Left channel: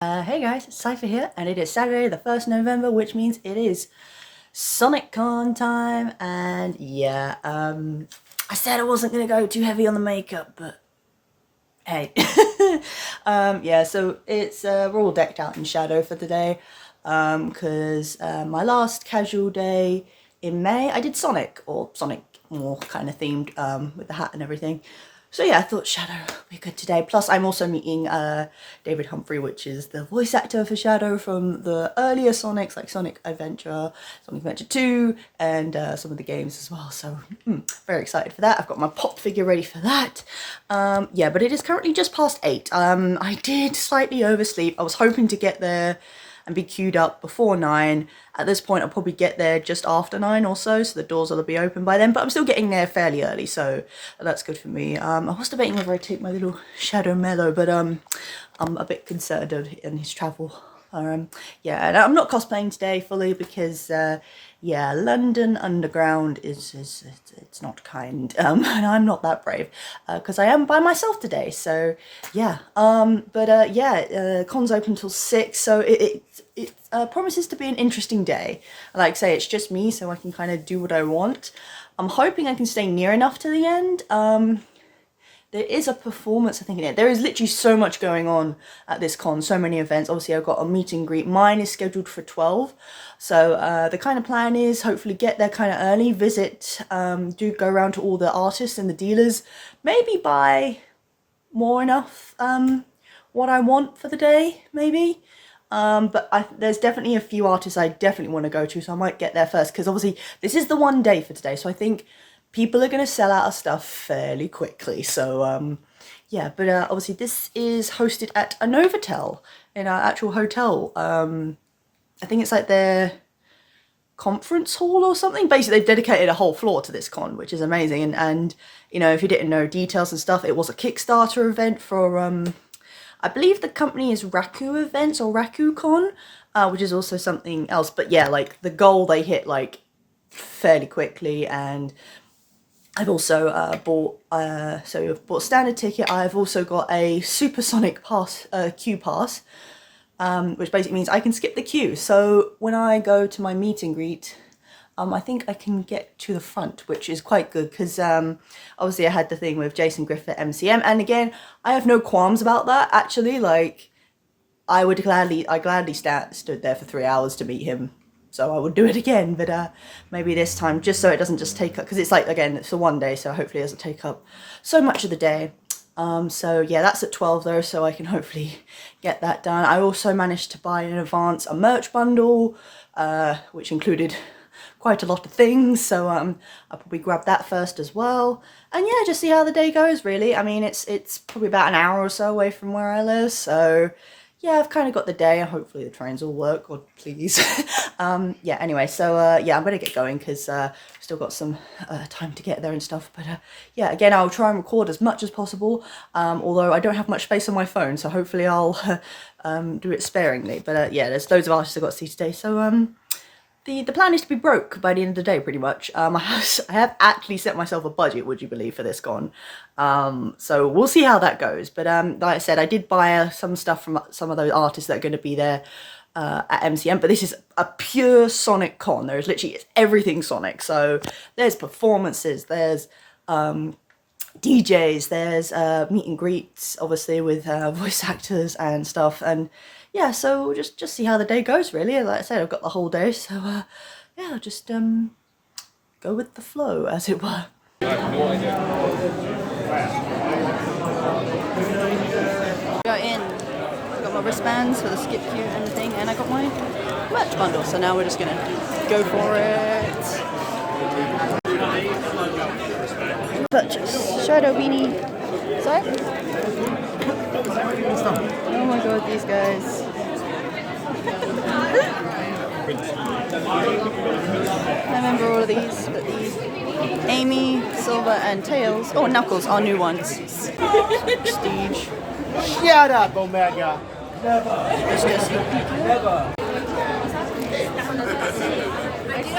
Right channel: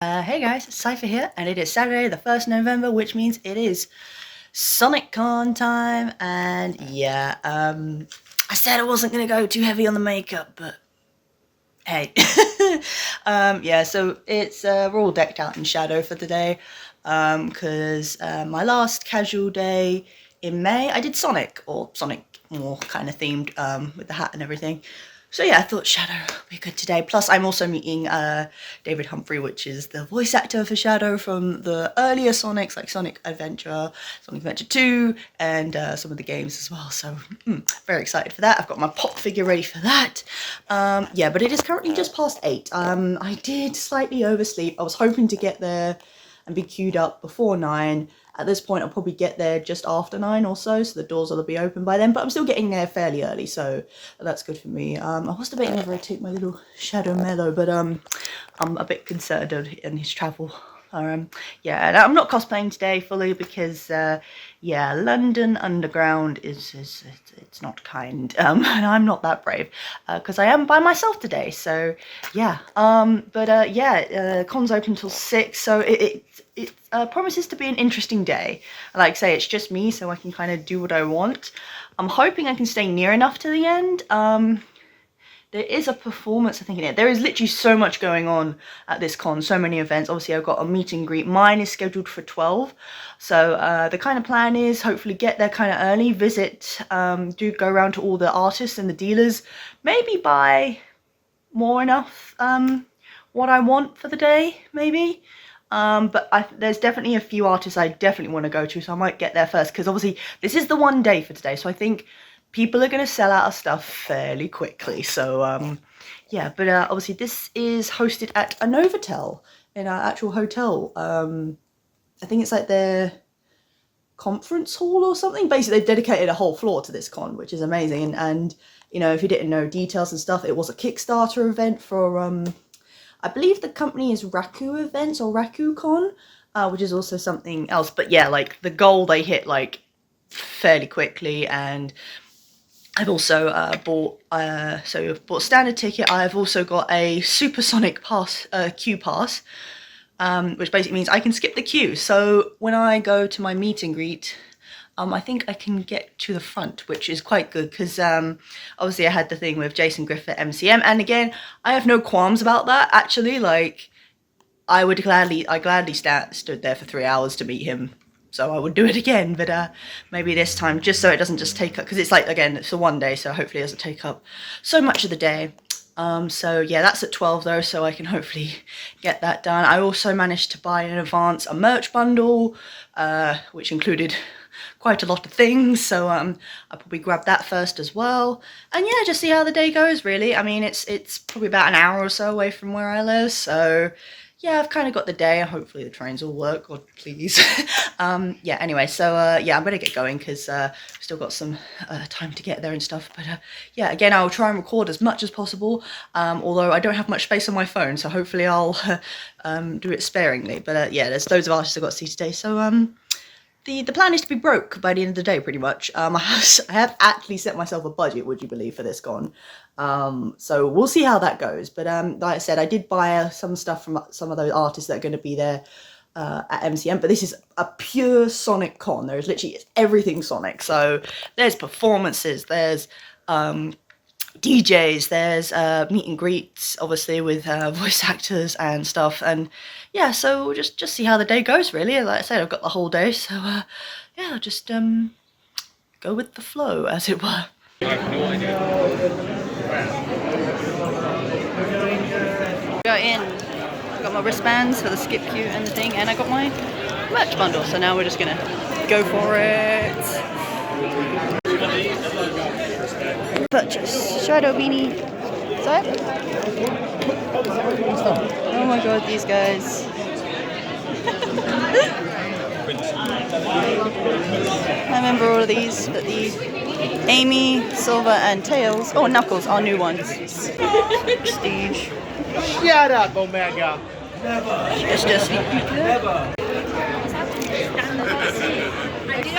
Hey guys, it's Cypher here, and it is Saturday the 1st November, which means it is SonicCon time, and yeah, I said I wasn't going to go too heavy on the makeup, but hey. Yeah, so it's, we're all decked out in Shadow for today, because my last casual day in May, I did Sonic, or Sonic more kind of themed, with the hat and everything. So yeah, I thought Shadow would be good today. Plus, I'm also meeting David Humphrey, which is the voice actor for Shadow from the earlier Sonics, like Sonic Adventure, Sonic Adventure 2, and some of the games as well. So, very excited for that. I've got my pop figure ready for that. Yeah, but it is currently just past 8. I did slightly oversleep. I was hoping to get there and be queued up before 9. At this point, I'll probably get there just after 9 or so the doors will be open by then, but I'm still getting there fairly early, so that's good for me. I was debating whether I take my little Shadow Mellow, but I'm a bit concerned in his travel. Yeah, and I'm not cosplaying today fully because, yeah, London Underground it's not kind, and I'm not that brave, because I am by myself today, so yeah. Yeah, con's open till 6, so it promises to be an interesting day. Like I say, it's just me, so I can kind of do what I want. I'm hoping I can stay near enough to the end. There is a performance, I think, in it. There is literally so much going on at this con, so many events. Obviously, I've got a meet and greet. Mine is scheduled for 12. So the kind of plan is hopefully get there kind of early, visit, do go around to all the artists and the dealers, maybe buy more enough what I want for the day, maybe. But there's definitely a few artists I definitely want to go to, so I might get there first, because obviously this is the one day for today, so I think people are going to sell out of stuff fairly quickly. So yeah, but obviously this is hosted at a Novotel in our actual hotel. I think it's like their conference hall or something. Basically, they've dedicated a whole floor to this con, which is amazing. And you know, if you didn't know details and stuff, it was a Kickstarter event for I believe the company is 𝘼𝙒𝘼𝑒𝑣𝑒𝑛𝑡S or 𝘼𝙒𝑒𝑐on, which is also something else. But yeah, like the goal they hit like fairly quickly. And I've also bought a standard ticket. I've also got a supersonic pass, queue pass, which basically means I can skip the queue. So when I go to my meet and greet, I think I can get to the front, which is quite good, because obviously I had the thing with Jason Griffith MCM, and again, I have no qualms about that, actually. Like, I gladly stood there for 3 hours to meet him, so I would do it again. But maybe this time, just so it doesn't just take up, because it's like, again, it's for one day, so hopefully it doesn't take up so much of the day. So yeah, that's at 12 though, so I can hopefully get that done. I also managed to buy in advance a merch bundle, which included quite a lot of things, so I'll probably grab that first as well. And yeah, just see how the day goes, really. I mean, it's probably about an hour or so away from where I live, so yeah, I've kind of got the day, and hopefully the trains will work, or please. Yeah, anyway, so yeah, I'm gonna get going, because still got some time to get there and stuff. But yeah, again, I'll try and record as much as possible, although I don't have much space on my phone, so hopefully I'll do it sparingly. But yeah, there's loads of artists I've got to see today, so the plan is to be broke by the end of the day, pretty much. I have actually set myself a budget, would you believe, for this con. So we'll see how that goes. But like I said, I did buy some stuff from some of those artists that are going to be there at MCM. But this is a pure Sonic con. There's literally everything Sonic. So there's performances, there's DJs, there's meet and greets, obviously, with voice actors and stuff. And yeah, so we'll just see how the day goes, really. Like I said, I've got the whole day, so yeah, I'll just go with the flow, as it were. I have no idea. Got in. I got my wristbands for the skip queue and the thing, and I got my merch bundle. So now we're just gonna go for it. Purchase Shadow beanie. So. Oh my god, these guys. I remember all of these, but the Amy, Silver, and Tails, oh, Knuckles are new ones. Prestige. Shut up, Omega. It's just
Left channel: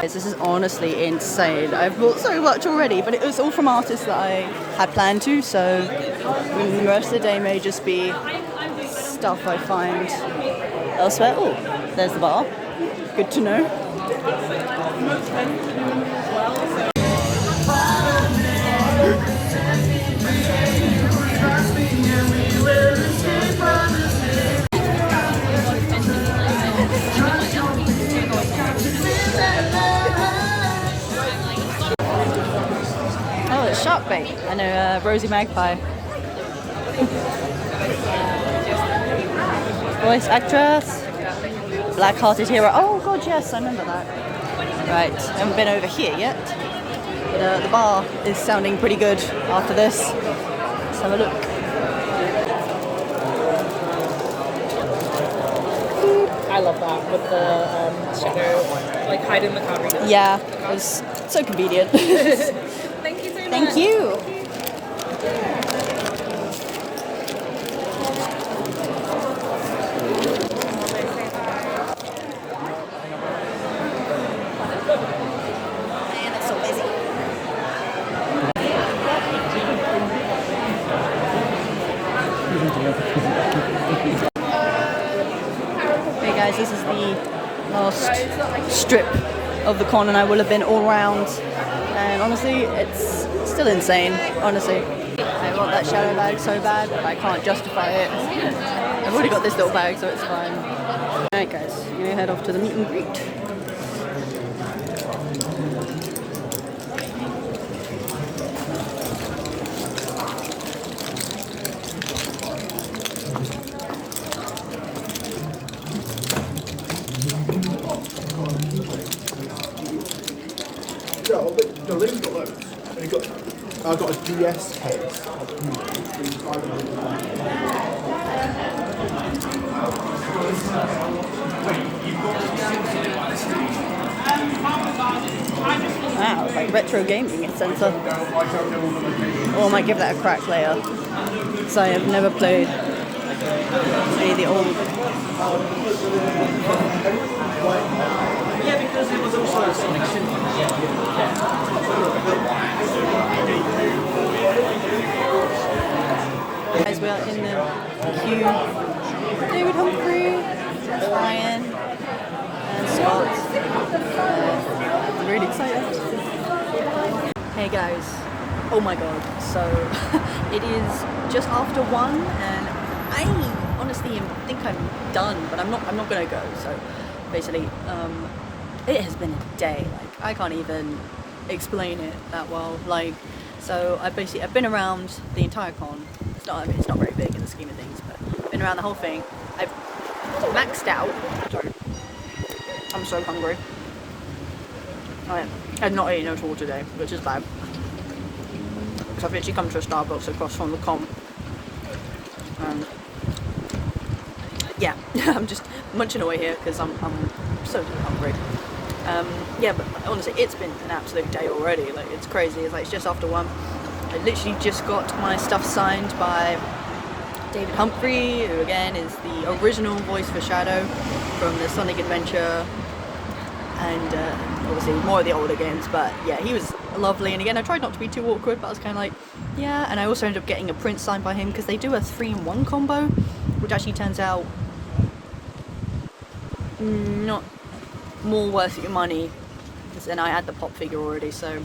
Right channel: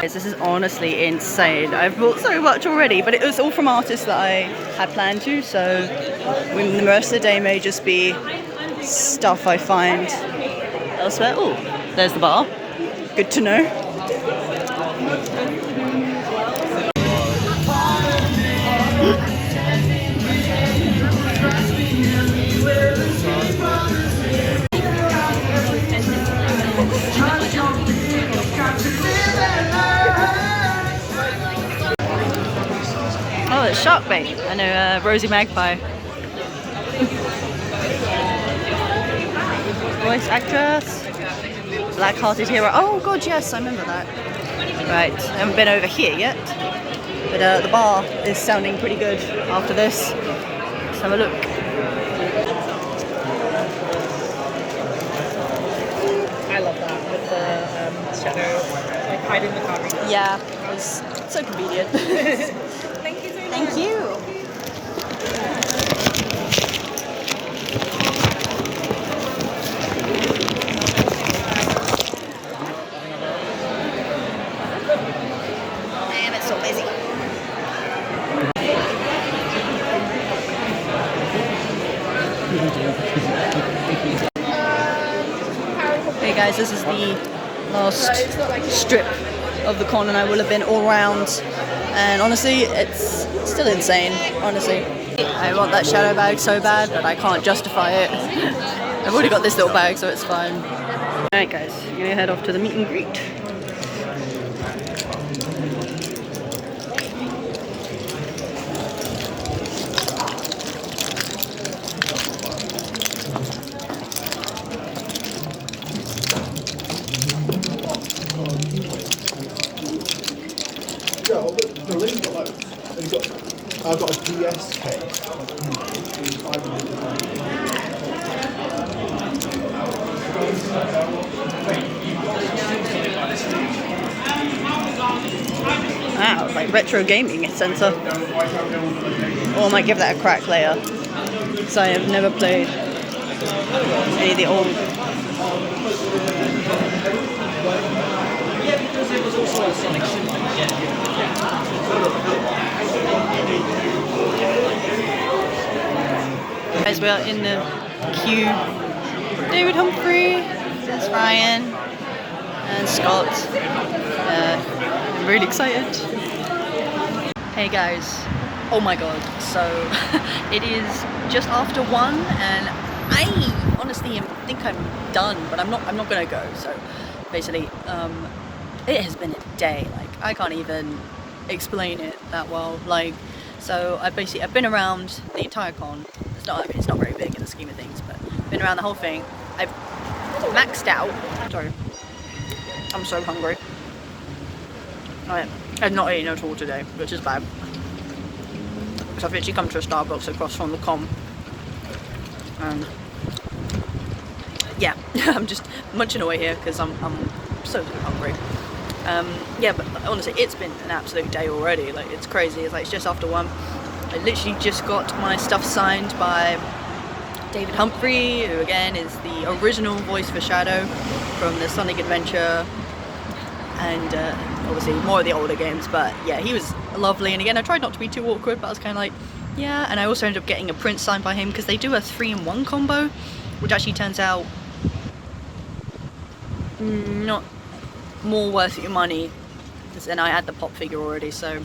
this is honestly insane. I've bought so much already, but it was all from artists that I had planned to, so the rest of the day may just be stuff I find elsewhere. Oh, there's the bar. Good to know. Oh, it's shark bait. I know, Rosie Magpie. Voice actress. Black-hearted hero. Oh god, yes, I remember that. Right, I haven't been over here yet. But the bar is sounding pretty good after this. Let's have a look. I love that with the shadow, like hiding the car. Yeah, it was so convenient. Thank you so much. Thank you. Man, it's so lazy. Hey guys, this is the last strip of the con and I will have been all round, and honestly it's still insane. Honestly, I want that shadow bag so bad, but I can't justify it. I've already got this little bag, so it's fine. Alright guys, I'm gonna head off to the meet and greet. The Lynn's got loads. I've got a DS case. Wow, like retro gaming center. Or I might give that a crack later. Because I have never played any of the old. Guys, we are in the queue. David Humphrey, there's Ryan, and Scott. I'm really excited. Hey guys, oh my god, so it is just after 1 and I honestly think I'm done, but I'm not gonna go. So basically, it has been a day. Like I can't even explain it that well. Like, so I've been around the entire con. It's not very big in the scheme of things, but I've been around the whole thing. I've maxed out. Sorry, I'm so hungry. I've not eaten at all today, which is bad. Because I've literally come to a Starbucks across from the con. And yeah, I'm just munching away here because I'm so hungry. Yeah, but honestly, it's been an absolute day already. Like, it's crazy. It's like it's just after 1. I literally just got my stuff signed by David Humphrey, who again is the original voice for Shadow from the Sonic Adventure and obviously more of the older games. But yeah, he was lovely, and again I tried not to be too awkward, but I was kind of like, yeah. And I also ended up getting a print signed by him because they do a 3-in-1 combo, which actually turns out not more worth your money, and I had the pop figure already. So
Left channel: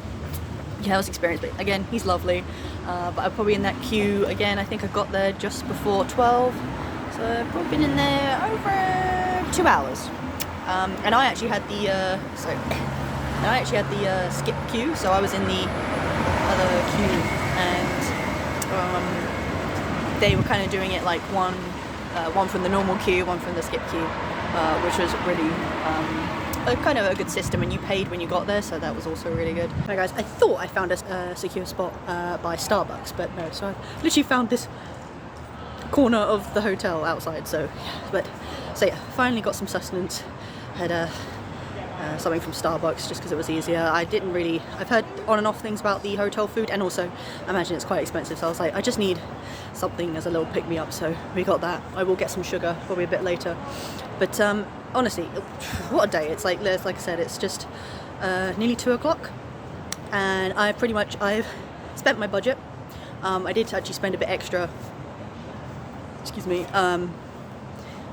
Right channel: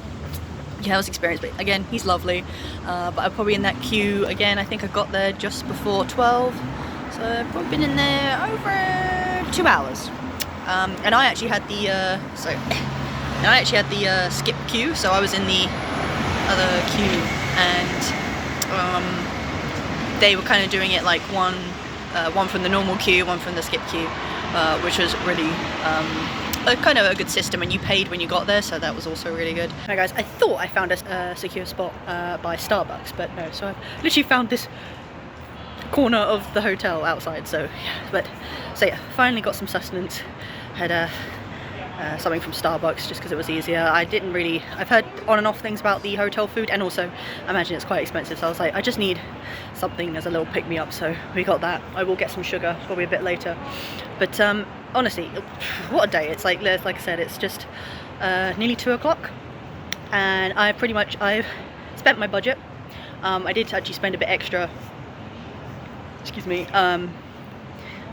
yeah, I was experienced, but again, he's lovely. But I'm probably in that queue again. I think I got there just before 12, so I've probably been in there over 2 hours. And I actually had the skip queue, so I was in the other queue, and they were kind of doing it like one from the normal queue, one from the skip queue, which was really kind of a good system, and you paid when you got there, so that was also really good. Hi guys, I thought I found a secure spot by Starbucks, but no, so I've literally found this corner of the hotel outside. So yeah, finally got some sustenance. Had something from Starbucks just because it was easier. I've heard on and off things about the hotel food, and also I imagine it's quite expensive, so I was like, I just need something as a little pick-me-up, so we got that. I will get some sugar probably a bit later, but honestly, what a day. It's like I said, it's just nearly 2 o'clock, and I've spent my budget. I did actually spend a bit extra, excuse me,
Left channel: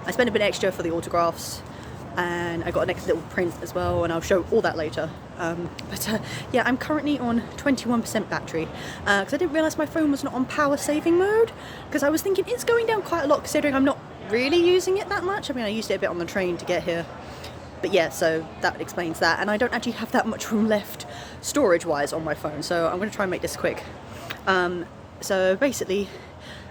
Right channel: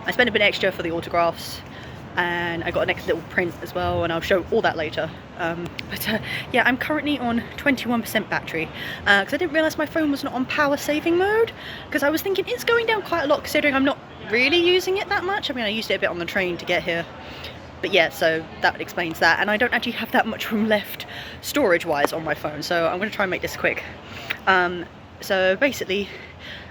I spent a bit extra for the autographs, and I got a next little print as well, and I'll show all that later. Yeah, I'm currently on 21% battery because I didn't realise my phone was not on power saving mode, because I was thinking it's going down quite a lot considering I'm not really using it that much. I mean, I used it a bit on the train to get here, but yeah, so that explains that. And I don't actually have that much room left storage wise on my phone, so I'm going to try and make this quick. So basically,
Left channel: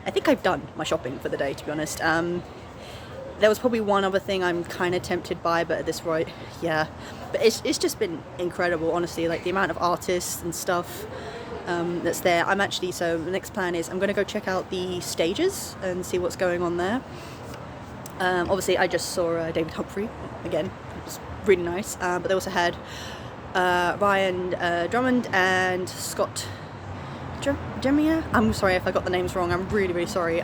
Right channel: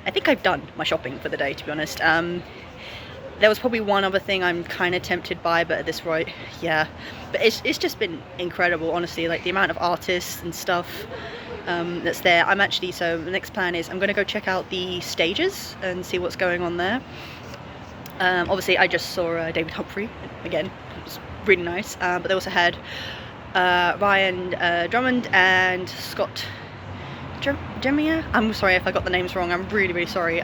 I think I've done my shopping for the day, to be honest. There was probably one other thing I'm kind of tempted by, but at this rate, yeah. But it's just been incredible, honestly, like the amount of artists and stuff that's there. I'm actually, so the next plan is I'm going to go check out the stages and see what's going on there. Obviously, I just saw David Humphrey again. It was really nice. But they also had Ryan Drummond and Scott 𝘼𝙧𝘼𝙃. I'm sorry if I got the names wrong. I'm really, really sorry.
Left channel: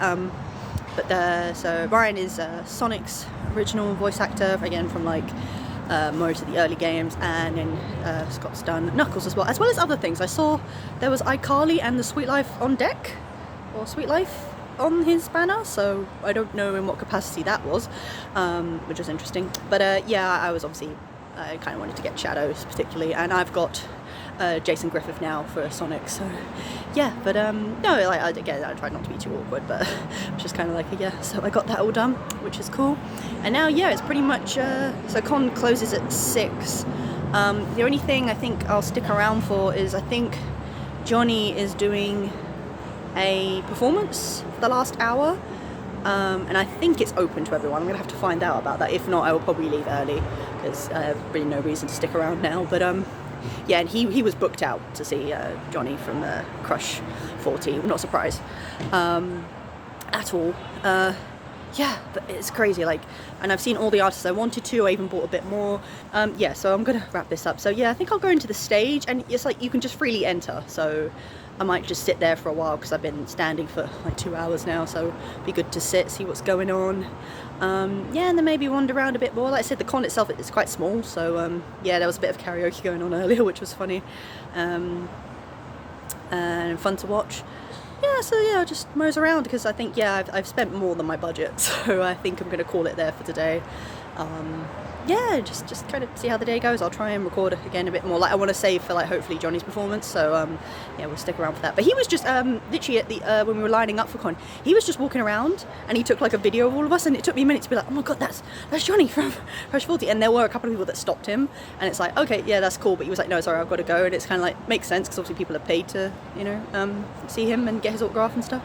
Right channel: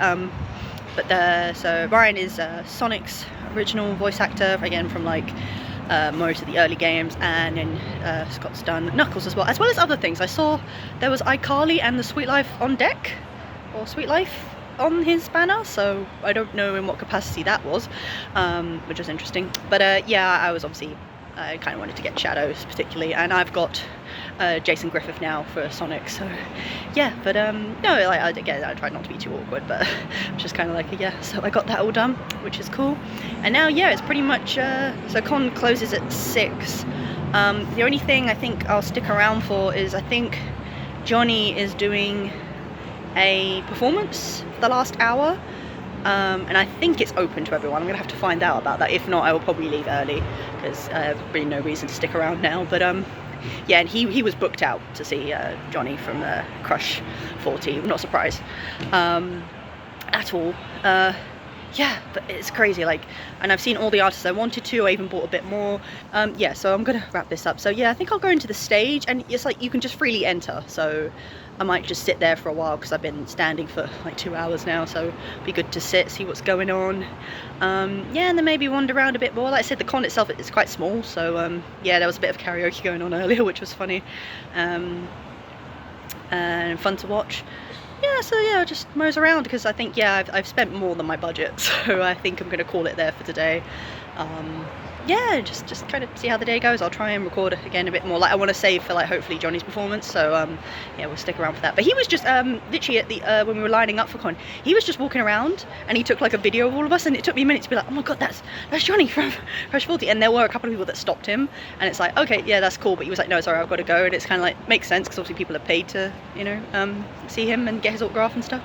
So Ryan is Sonic's original voice actor, again from like most of the early games, and then Scott's done Knuckles as well as other things. I saw there was iCarly and the Sweet Life on deck, or Sweet Life on his banner, so I don't know in what capacity that was, which was interesting. But yeah, I kind of wanted to get Shadows particularly, and I've got Jason Griffith now for Sonic, so yeah. But no, like, again, I tried not to be too awkward, but just kind of like, yeah, so I got that all done, which is cool. And now, yeah, it's pretty much so con closes at 6. The only thing I think I'll stick around for is, I think Johnny is doing a performance for the last hour, and I think it's open to everyone. I'm gonna have to find out about that. If not, I will probably leave early, because I have really no reason to stick around now. But yeah, and he was booked out to see Johnny from Crush 40. Not surprised at all. Yeah, but it's crazy, like, and I've seen all the artists I wanted to. I even bought a bit more. Yeah, so I'm gonna wrap this up. So yeah, I think I'll go into the stage, and it's like you can just freely enter, so I might just sit there for a while, because I've been standing for like 2 hours now, so it'd be good to sit, see what's going on. Yeah, and then maybe wander around a bit more. Like I said, the con itself is quite small, so yeah, there was a bit of karaoke going on earlier, which was funny, and fun to watch. Yeah, so yeah, I'll just mose around, because I think, yeah, I've spent more than my budget, so I think I'm going to call it there for today. Yeah, just kind of see how the day goes. I'll try and record again a bit more. Like, I want to save for, like, hopefully Johnny's performance, so yeah, we'll stick around for that. But he was just literally at the when we were lining up for con, he was just walking around, and he took like a video of all of us, and it took me a minute to be like, oh my god, that's Johnny from Crush 40. And there were a couple of people that stopped him, and it's like, okay, yeah, that's cool, but he was like, no, sorry, I've got to go. And it's kind of like, makes sense, because obviously people have paid to, you know, see him and get his autograph and stuff.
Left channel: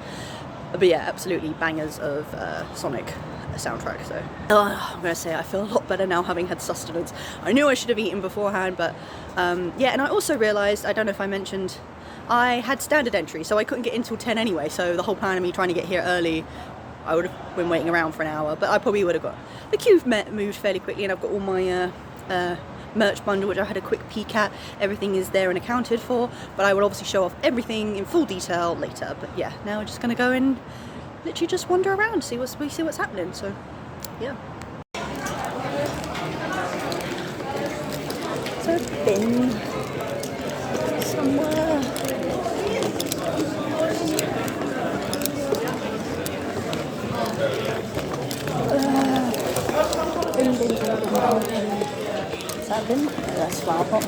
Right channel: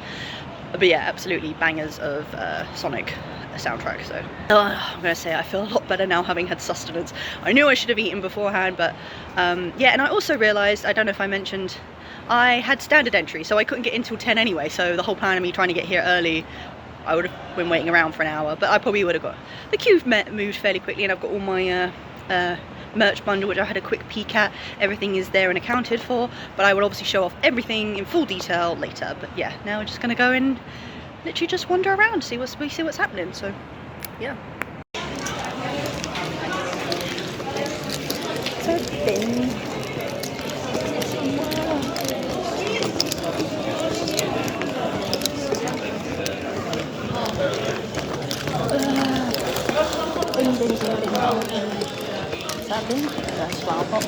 But yeah, absolutely bangers of Sonic soundtrack. So I'm gonna say I feel a lot better now, having had sustenance. I knew I should have eaten beforehand, but yeah. And I also realized, I don't know if I mentioned, I had standard entry, so I couldn't get in till 10 anyway, so the whole plan of me trying to get here early, I would have been waiting around for an hour, but I probably would have got the queue moved fairly quickly. And I've got all my merch bundle, which I had a quick peek at. Everything is there and accounted for, but I will obviously show off everything in full detail later. But yeah, now we're just gonna go and literally just wander around, see what's happening. So yeah. So bin. Bin. That's flower pot.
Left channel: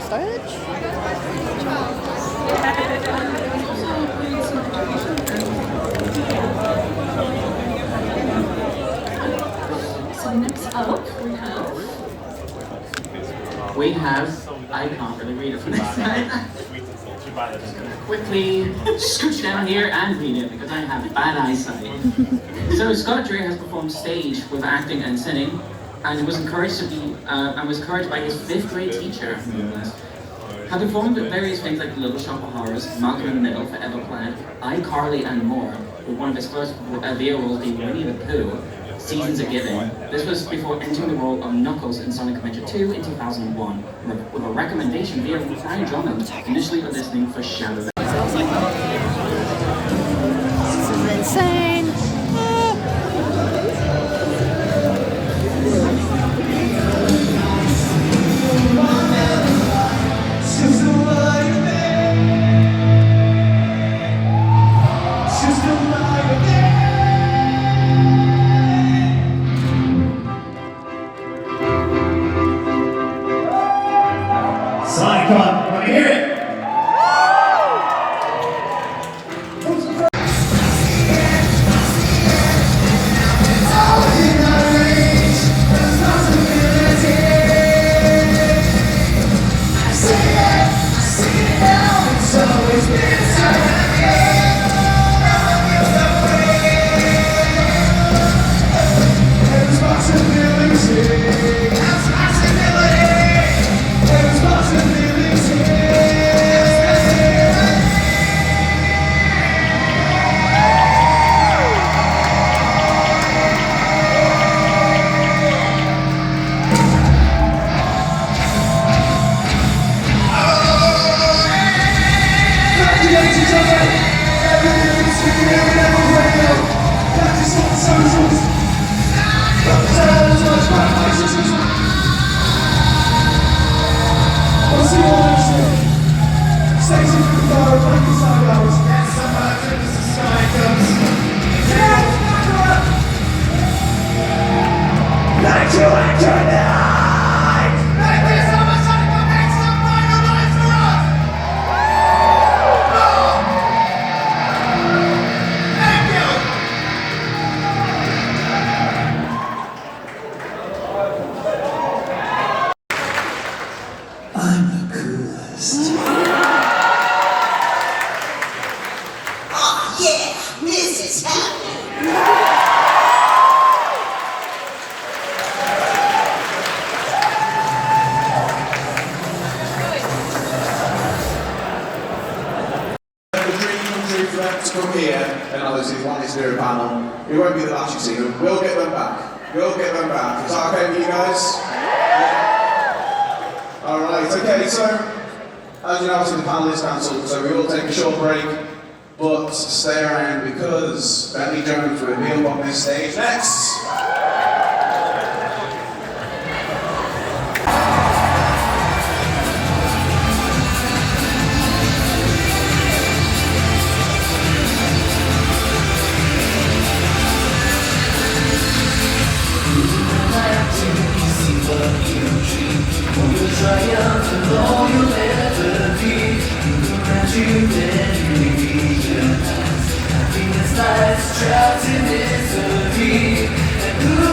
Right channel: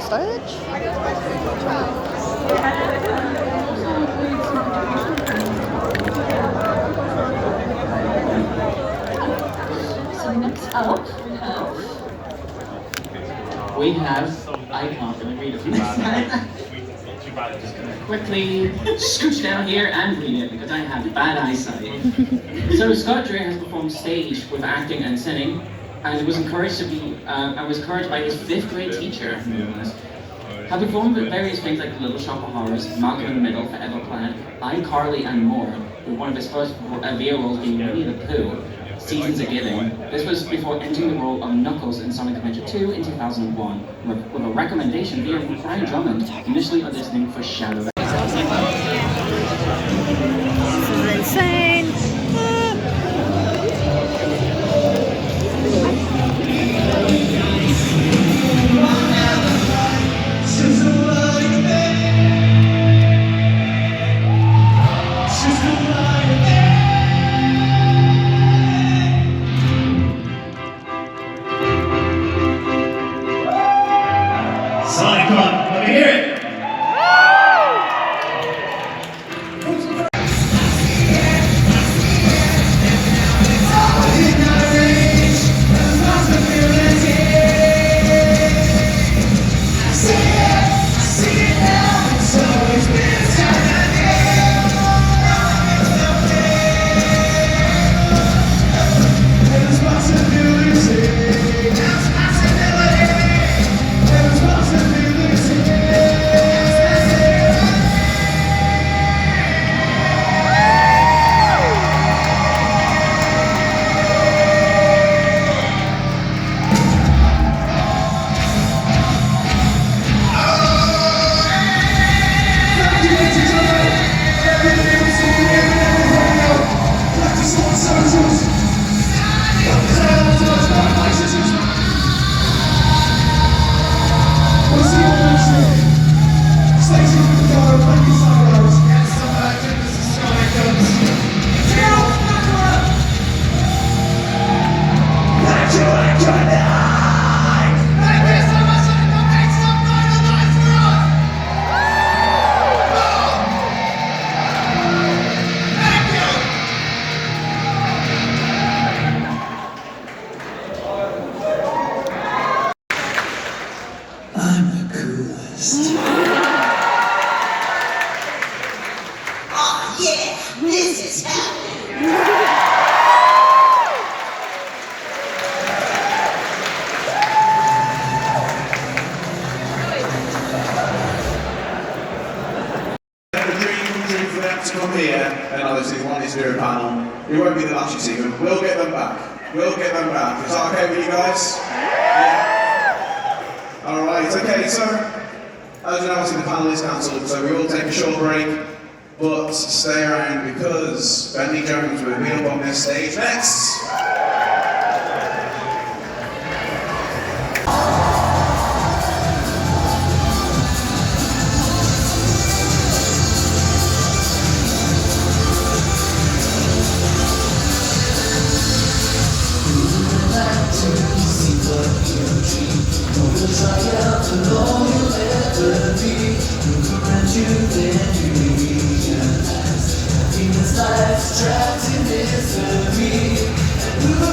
our stage. So next up we have, I can't really read it from this side. Just gonna quickly scooch down here and read it because I have bad eyesight. So Scott Dreyer has performed stage with acting and singing, and was encouraged to be, and was encouraged by his 5th grade teacher. Have performed at various things like Little Shop of Horrors, Malcolm in the Middle, Forever Planet, iCarly and more, with one of his first VO roles being Winnie the Pooh, Seasons of Giving. This was before entering the role of Knuckles in Sonic Adventure 2 in 2001, with a recommendation via Brian Drummond, initially auditioning for Shadow the Hedgehog. This is insane. SonicCon, let me hear it! Come here, and obviously one is here panel. It won't be the last you see them. We'll get them back. We'll get them back. Is that okay with you guys? Yeah. Alright, okay, so as you know, obviously the panel is cancelled, so we will take a short break, but stay around because Bentley Jones will be up on this stage next. Trapped in misery, and who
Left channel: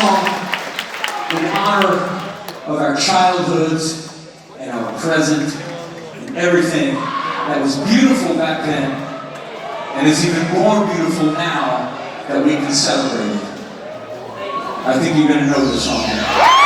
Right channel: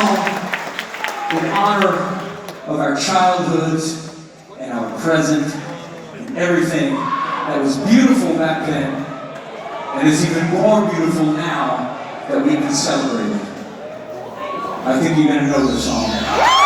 song in honor of our childhoods and our present and everything that was beautiful back then and is even more beautiful now that we can celebrate it. I think you're going to know the song.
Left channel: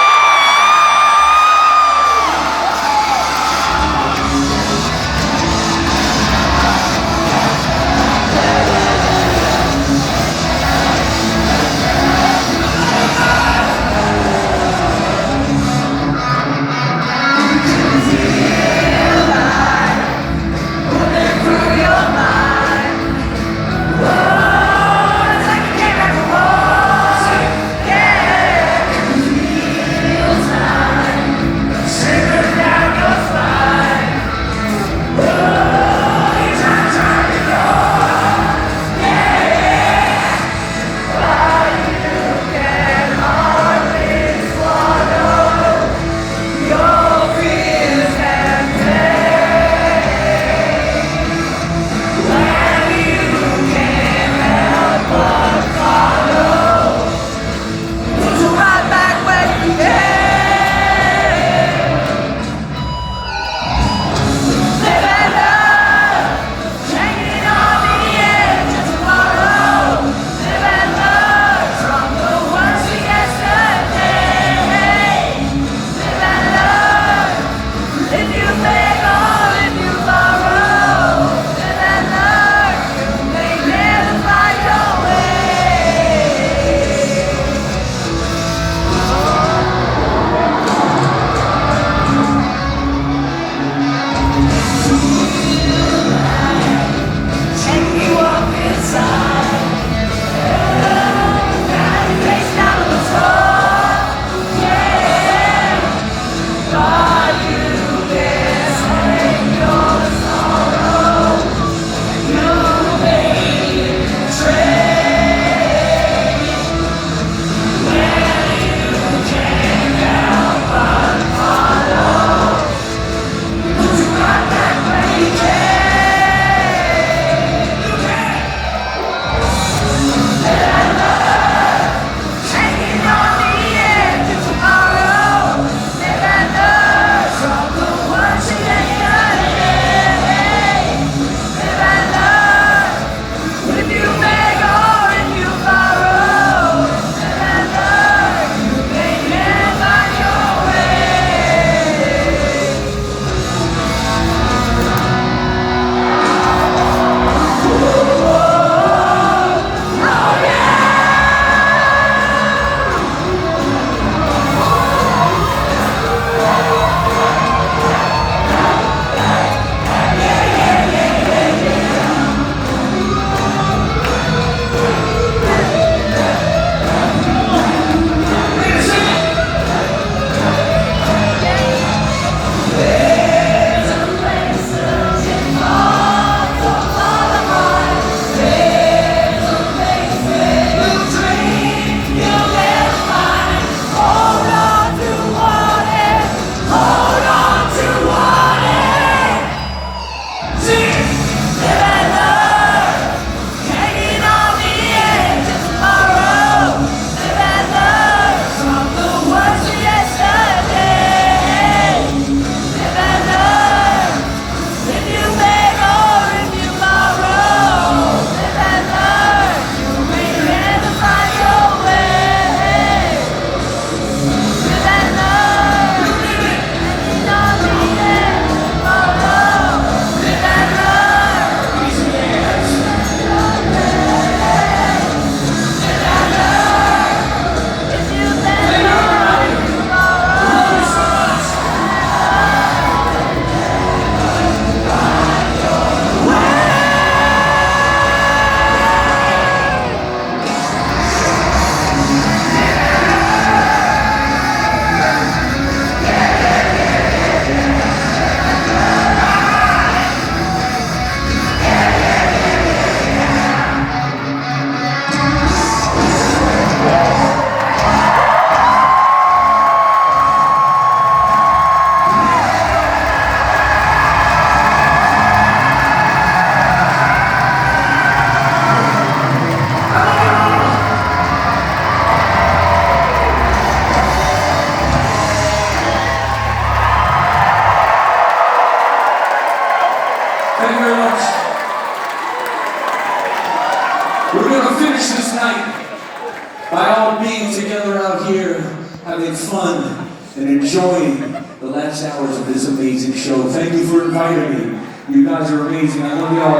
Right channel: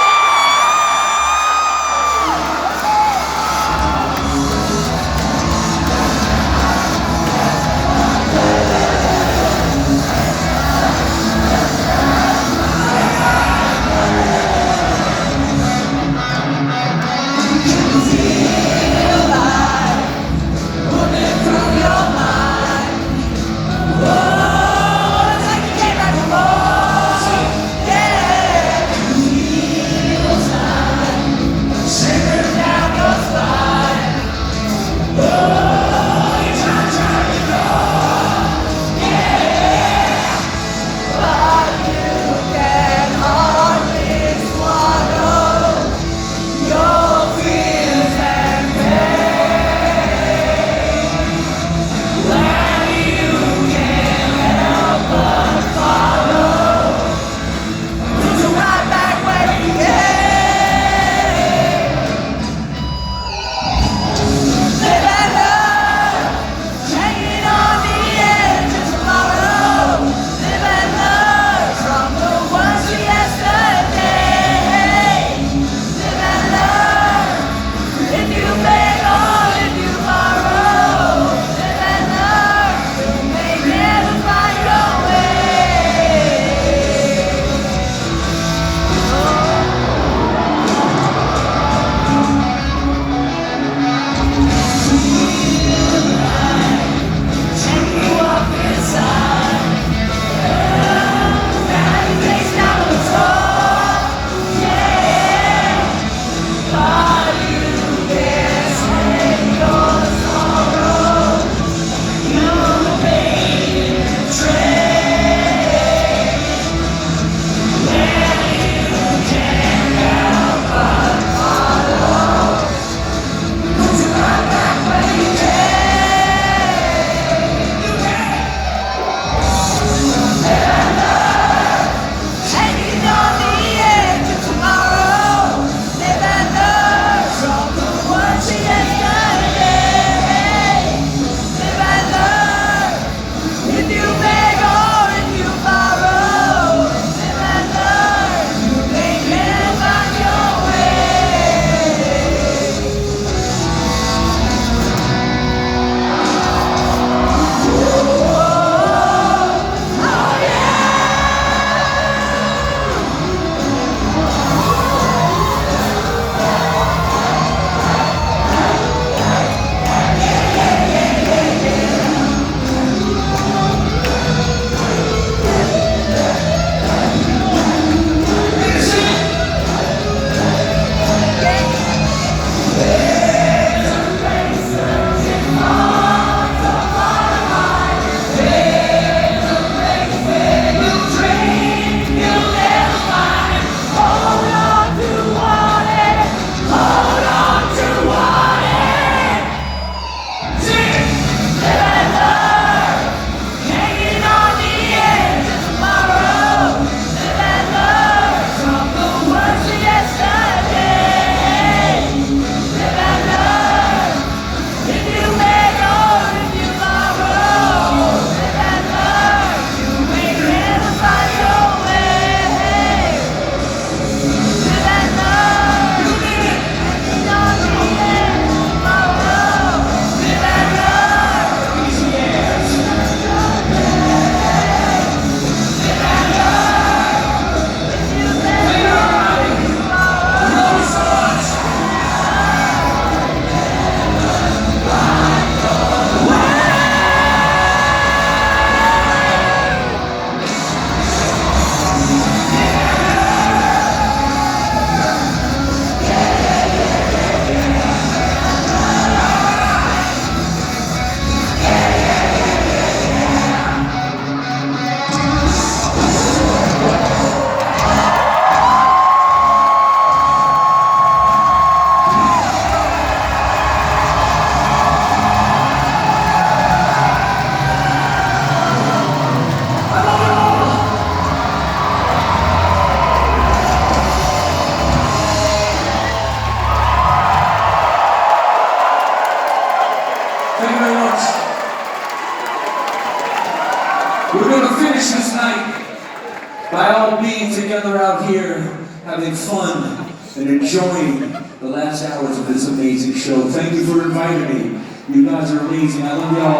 and enjoying the last hours of this amazing show. Thank you for inviting me. You guys are amazing. I love y'all.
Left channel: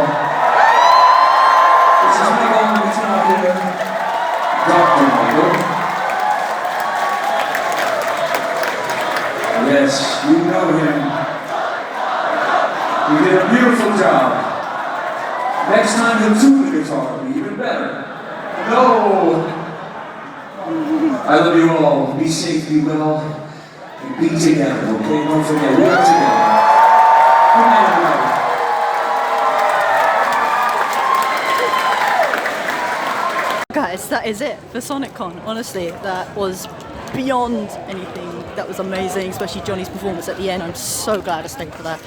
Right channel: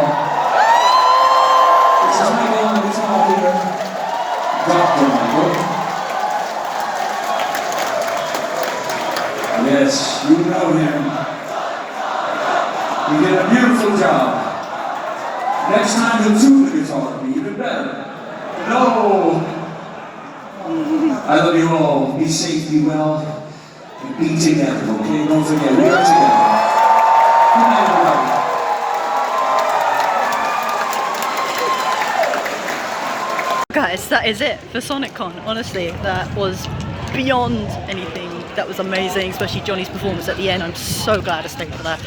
This is my own guitar here. Drop the mic. Yes, you know him. You did a beautiful job. Next time you'll tune the guitar, it'll be even better. No! I love you all. Be safe, be well, and be together, okay? Don't forget, we are together. Good night, everybody. Guys, that is it for SonicCon. Honestly, that was beyond anything. That was amazing, especially Johnny's performance at the end. I'm so glad I stayed for that.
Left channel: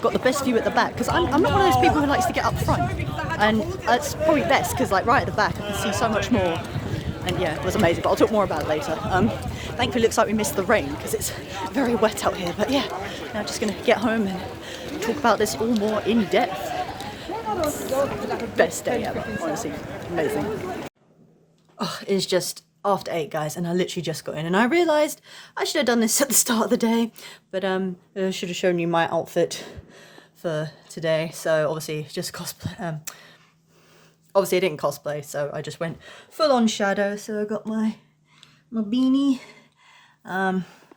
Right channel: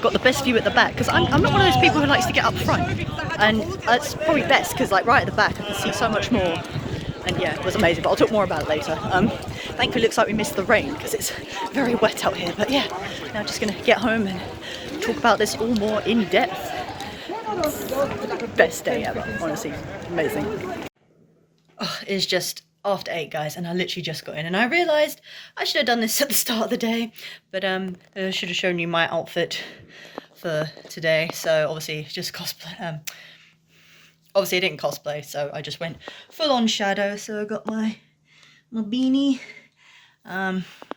Got the best view at the back, because I'm not one of those people who likes to get up front. And it's probably best, because like right at the back I can see so much more. And yeah, it was amazing, but I'll talk more about it later. Thankfully it looks like we missed the rain, because it's very wet out here. But yeah, now I'm just going to get home and talk about this all more in depth. Best day ever, honestly. Amazing. Oh, it's just after 8, guys, and I literally just got in, and I realised I should have done this at the start of the day, but I should have shown you my outfit for today. So obviously just cosplay. Obviously I didn't cosplay, so I just went full on Shadow. So I got my beanie.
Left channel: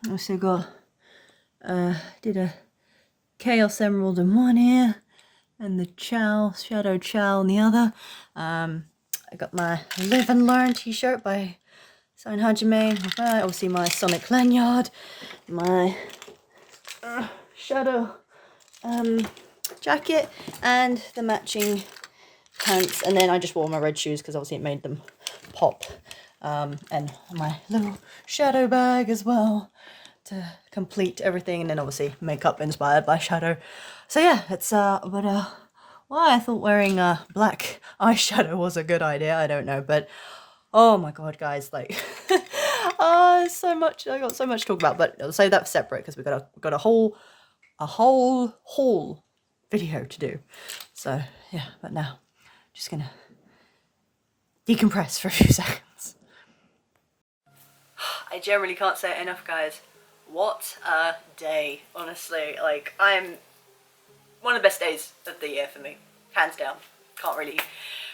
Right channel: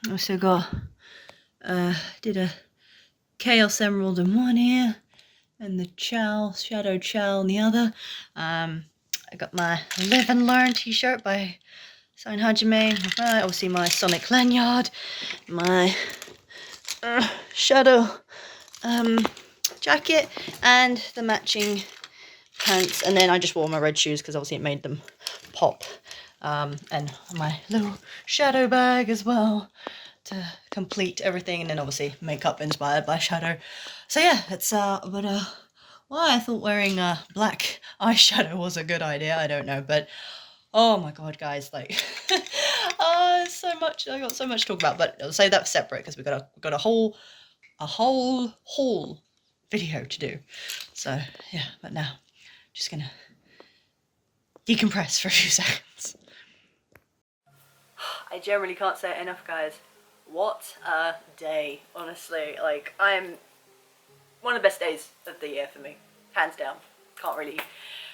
Also got did a 𝘼𝙀𝘼𝙼 in one ear, and the Shadow 𝘼𝙀𝘼 in the other. I got my Live and Learn t-shirt by 𝘼𝙀𝘼𝘼. Obviously my Sonic lanyard, my Shadow jacket, and the matching pants. And then I just wore my red shoes because obviously it made them pop. And my little Shadow bag as well to complete everything. And then obviously makeup inspired by Shadow. So yeah, it's why I thought wearing black eyeshadow was a good idea, I don't know, but oh my god, guys, like so much. I got so much to talk about, but I'll say that's separate because we've got a whole video to do. So yeah, but now just gonna decompress for a few seconds. I generally can't say it enough, guys. What a day, honestly. Like, I'm one of the best days of the year for me, hands down. Can't really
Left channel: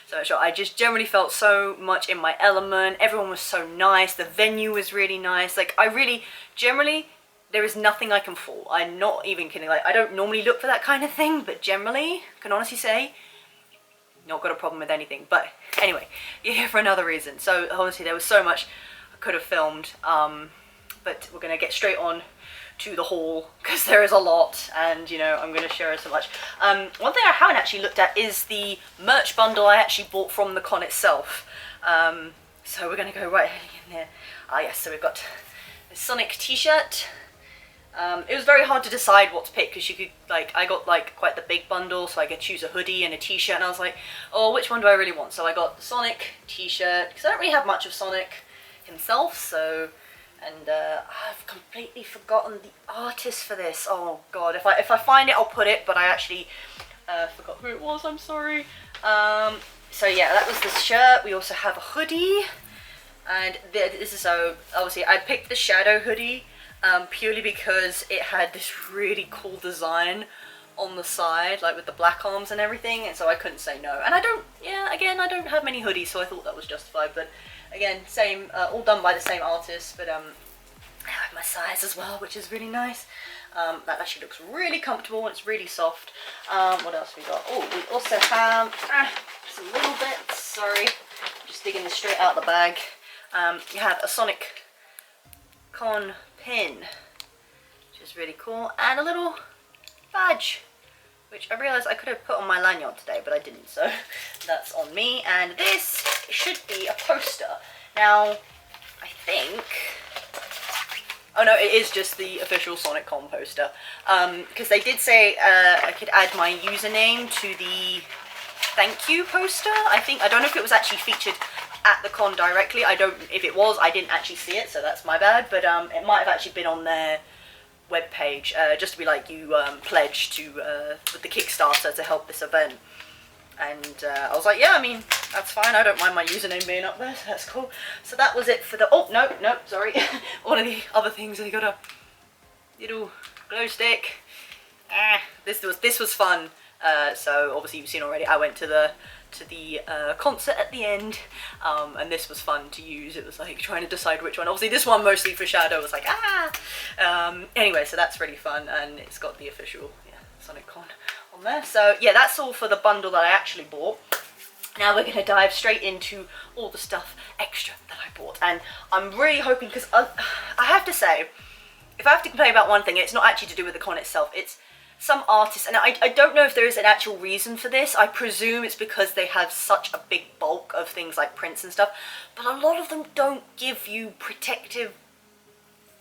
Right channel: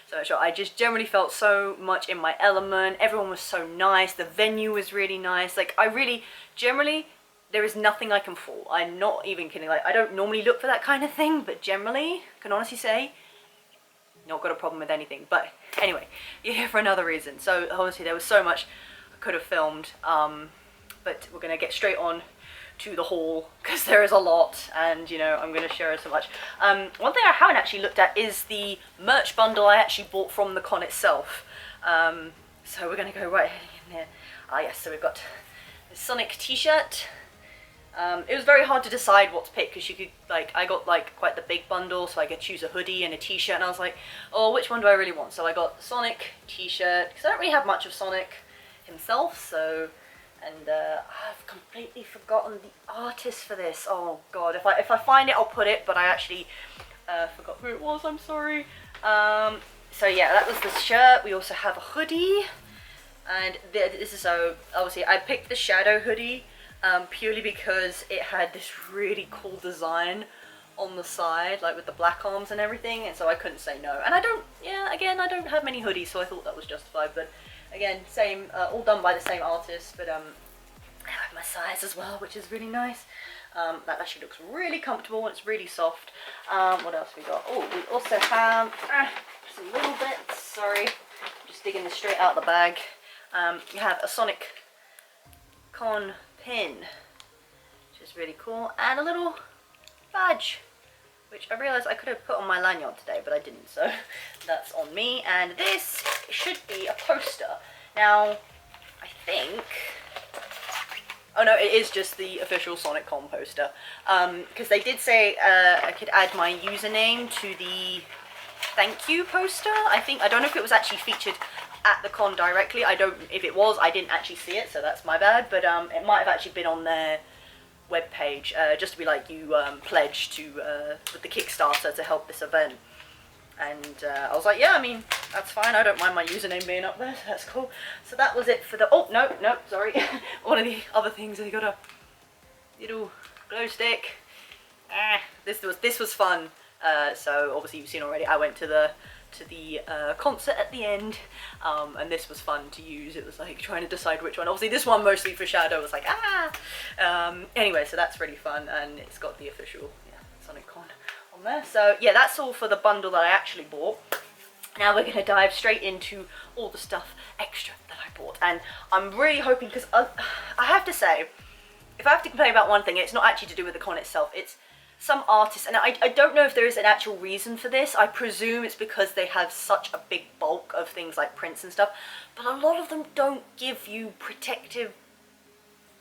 so sure. I just generally felt so much in my element. Everyone was so nice. The venue was really nice. Like, I really generally, there is nothing I can fault. I'm not even kidding. Like, I don't normally look for that kind of thing, but generally can honestly say not got a problem with anything. But anyway, you're here for another reason. So obviously there was so much I could have filmed, but we're gonna get straight on to the haul because there is a lot, and you know I'm going to share so much. One thing I haven't actually looked at is the merch bundle I actually bought from the con itself. So we're going to go right in there. Yes, so we've got the Sonic t-shirt. It was very hard to decide what to pick because you could, like, I got like quite the big bundle, so I could choose a hoodie and a t-shirt, and I was like, oh, which one do I really want? So I got the Sonic t-shirt because I don't really have much of Sonic himself, so. And I've completely forgotten the artist for this. Oh god, if I find it, I'll put it. But I actually forgot who it was. I'm sorry. So yeah, that was the shirt. We also have a hoodie, and this is so obviously I picked the Shadow hoodie purely because it had this really cool design on the side, like with the black arms and everything, and so I couldn't say no. And I don't, yeah, again, I don't have many hoodies, so I thought that was justified. But again, same, all done by the same artist, but I have my size as well, which is really nice. That actually looks really comfortable and it's really soft. What else we got? Oh, we also have just a little bit. Sorry, just digging this straight out of the bag. You have a SonicCon pin, which is really cool, and a little badge, which I realised I could have put on my lanyard today, but I didn't, so that's on me. And this should be a poster. Now, I think... Oh no, it is just the official SonicCon poster. Because they did say I could add my username to the thank you poster. I don't know if it was actually featured at the con directly. If it was, I didn't actually see it, so that's my bad. But it might have actually been on their webpage, just to be like, you pledge to with the Kickstarter to help this event. And I was like, yeah, I mean, that's fine. I don't mind my username being up there. So that's cool. So that was it for the... Oh, no, sorry. One of the other things, I got a little glow stick. This was fun. So obviously you've seen already, I went to the concert at the end, and this was fun to use. It was like trying to decide which one. Obviously this one mostly for Shadow was like, anyway, so that's really fun, and it's got the official SonicCon on there. So yeah, that's all for the bundle that I actually bought. Now we're going to dive straight into all the stuff extra that I bought, and I'm really hoping, because I have to say, if I have to complain about one thing, it's not actually to do with the con itself, it's some artists, and I don't know if there is an actual reason for this. I presume it's because they have such a big bulk of things like prints and stuff, but a lot of them don't give you protective,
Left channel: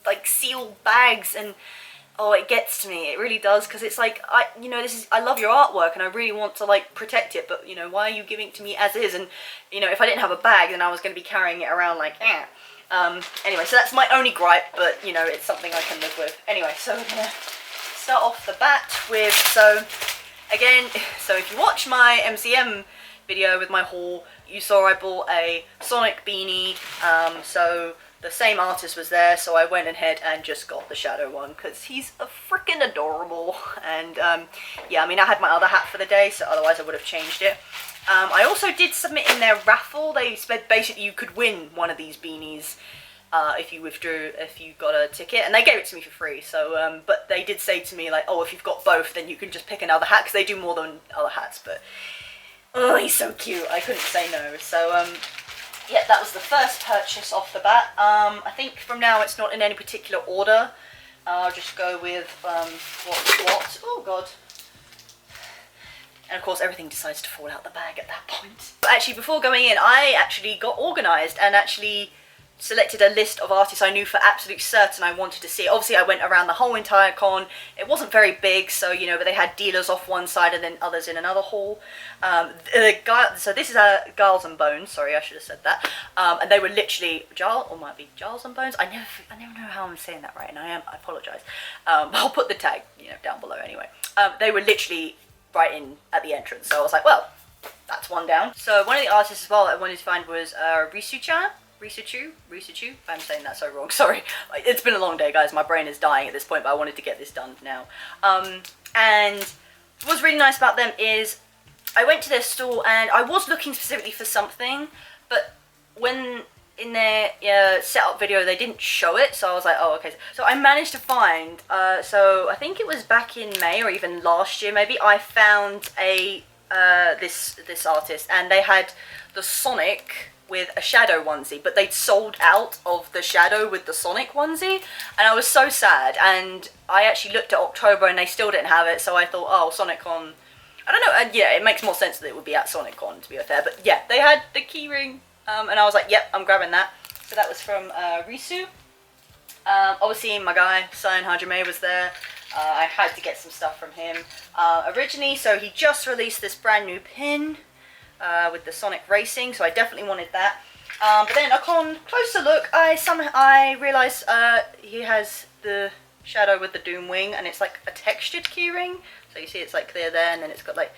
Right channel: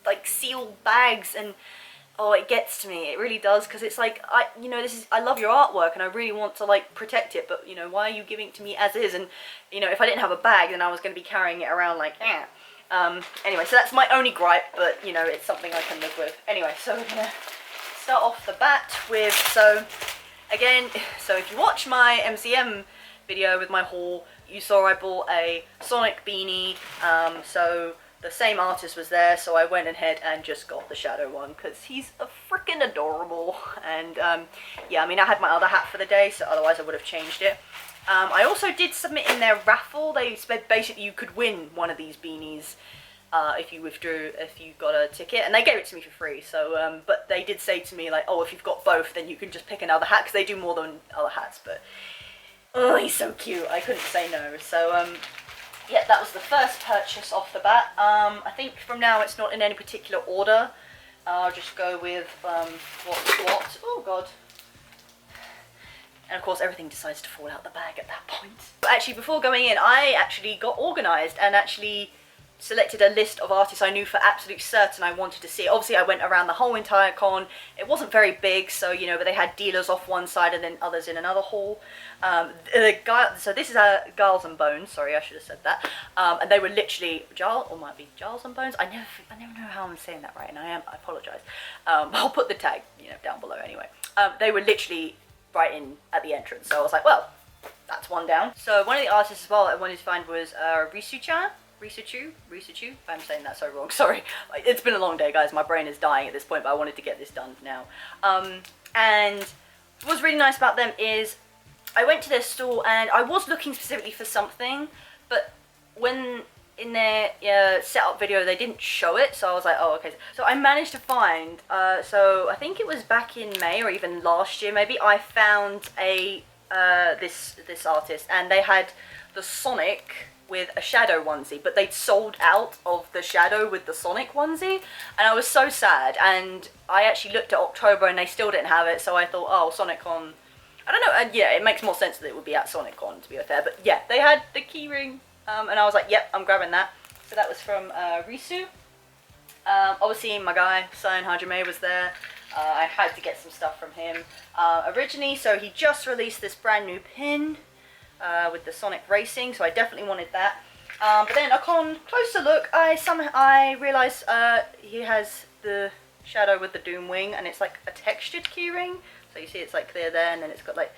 like, sealed bags, and oh, it gets to me. It really does, because it's like, I love your artwork and I really want to like protect it, but you know, why are you giving it to me as is? And you know, if I didn't have a bag, then I was going to be carrying it around like, anyway, so that's my only gripe, but you know, it's something I can live with. Anyway, so we're gonna start off the bat with, so if you watch my MCM video with my haul, you saw I bought a Sonic beanie, so the same artist was there, so I went ahead and just got the Shadow one, because he's a freaking adorable, and yeah, I mean, I had my other hat for the day, so otherwise I would have changed it. I also did submit in their raffle. They said basically you could win one of these beanies if you got a ticket, and they gave it to me for free, so, but they did say to me, like, oh, if you've got both, then you can just pick another hat, because they do more than other hats, but, oh, he's so cute, I couldn't say no, so, yeah, that was the first purchase off the bat. I think from now it's not in any particular order. I'll just go with what's what. Oh god. And of course everything decides to fall out the bag at that point. But actually, before going in, I actually got organised and actually selected a list of artists I knew for absolute certain I wanted to see. Obviously I went around the whole entire con. It wasn't very big, so you know, but they had dealers off one side and then others in another hall. So this is 𝘼𝙒𝙼𝙒, sorry, I should have said that. And they were literally 𝘼𝙒𝙼𝙒. I never know how I'm saying that right, and I apologise. I'll put the tag, you know, down below anyway. They were literally right in at the entrance, so I was like, well, that's one down. So one of the artists as well I wanted to find was 𝘼𝙒𝙒𝙒, if I'm saying that so wrong, sorry. It's been a long day, guys, my brain is dying at this point, but I wanted to get this done now. And what's really nice about them is I went to their stall and I was looking specifically for something, but when in their setup video they didn't show it, so I was like, oh, okay. So I managed to find, so I think it was back in May or even last year maybe, I found this artist, and they had the Sonic with a Shadow onesie, but they'd sold out of the Shadow with the Sonic onesie, and I was so sad. And I actually looked at October and they still didn't have it, so I thought, oh, SonicCon, I don't know, and yeah, it makes more sense that it would be at SonicCon, to be fair, but yeah, they had the keyring, and I was like, yep, I'm grabbing that. So that was from 𝘼𝙒𝙒𝙒. Obviously my guy, 𝘼𝙒𝙒𝙒𝙒 Hajime, was there. I had to get some stuff from him. Originally, so he just released this brand new pin, with the Sonic Racing, so I definitely wanted that. But then upon closer look, I realised he has the Shadow with the Doom wing, and it's like a textured keyring. So you see it's like clear there, and then it's got like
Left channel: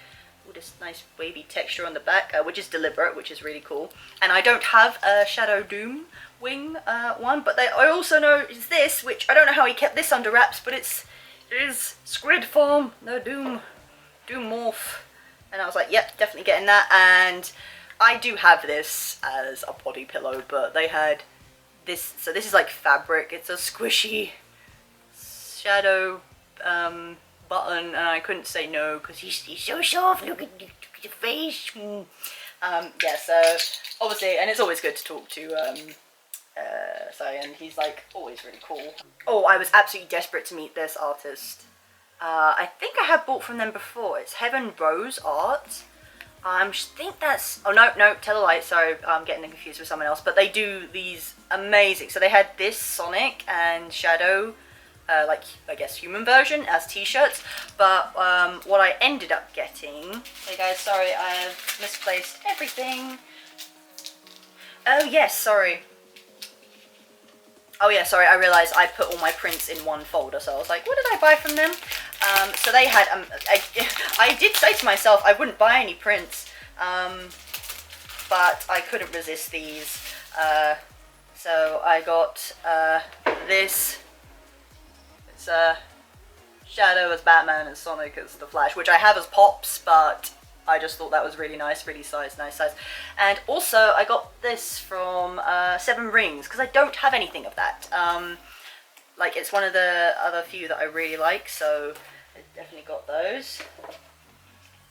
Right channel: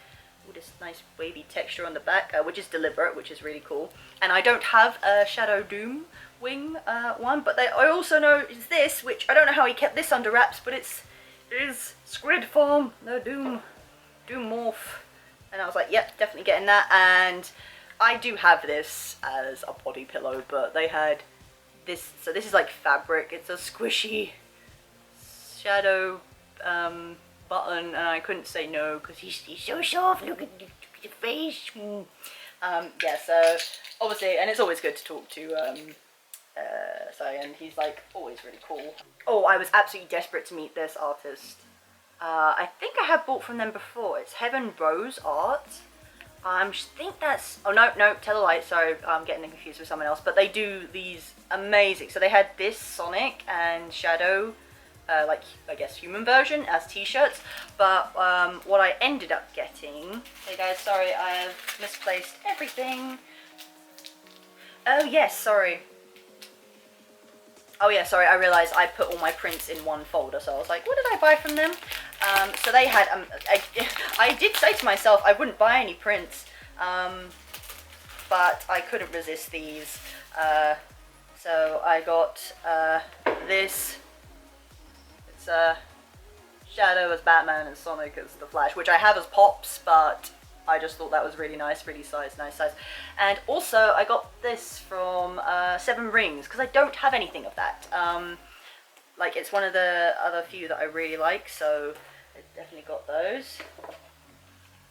all this nice wavy texture on the back, which is deliberate, which is really cool. And I don't have a Shadow Doom wing one, but I also know is this, which I don't know how he kept this under wraps, but it is Squid form, the Doom morph. And I was like, yep, definitely getting that. And I do have this as a body pillow, but they had this, so this is like fabric, it's a squishy Shadow button, and I couldn't say no because he's so soft, look at your face. Yeah, so obviously, and it's always good to talk to and he's like always really cool. Oh, I was absolutely desperate to meet this artist. I think I have bought from them before. It's Heaven Rose Art. I think that's, oh no, tell a lie, sorry, I'm getting confused with someone else, but they do these amazing, so they had this Sonic and Shadow, like, I guess, human version as t-shirts, but what I ended up getting, hey guys, sorry, I have misplaced everything. Oh yes, sorry. Oh yeah, sorry, I realised I put all my prints in one folder, so I was like, what did I buy from them? So they had, I did say to myself I wouldn't buy any prints, but I couldn't resist these. So I got this. It's Shadow as Batman and Sonic as the Flash, which I have as pops, but I just thought that was really nice, really nice size. And also I got this from Seven Rings, because I don't have anything of that. Like, it's one of the other few that I really like, so I definitely got those.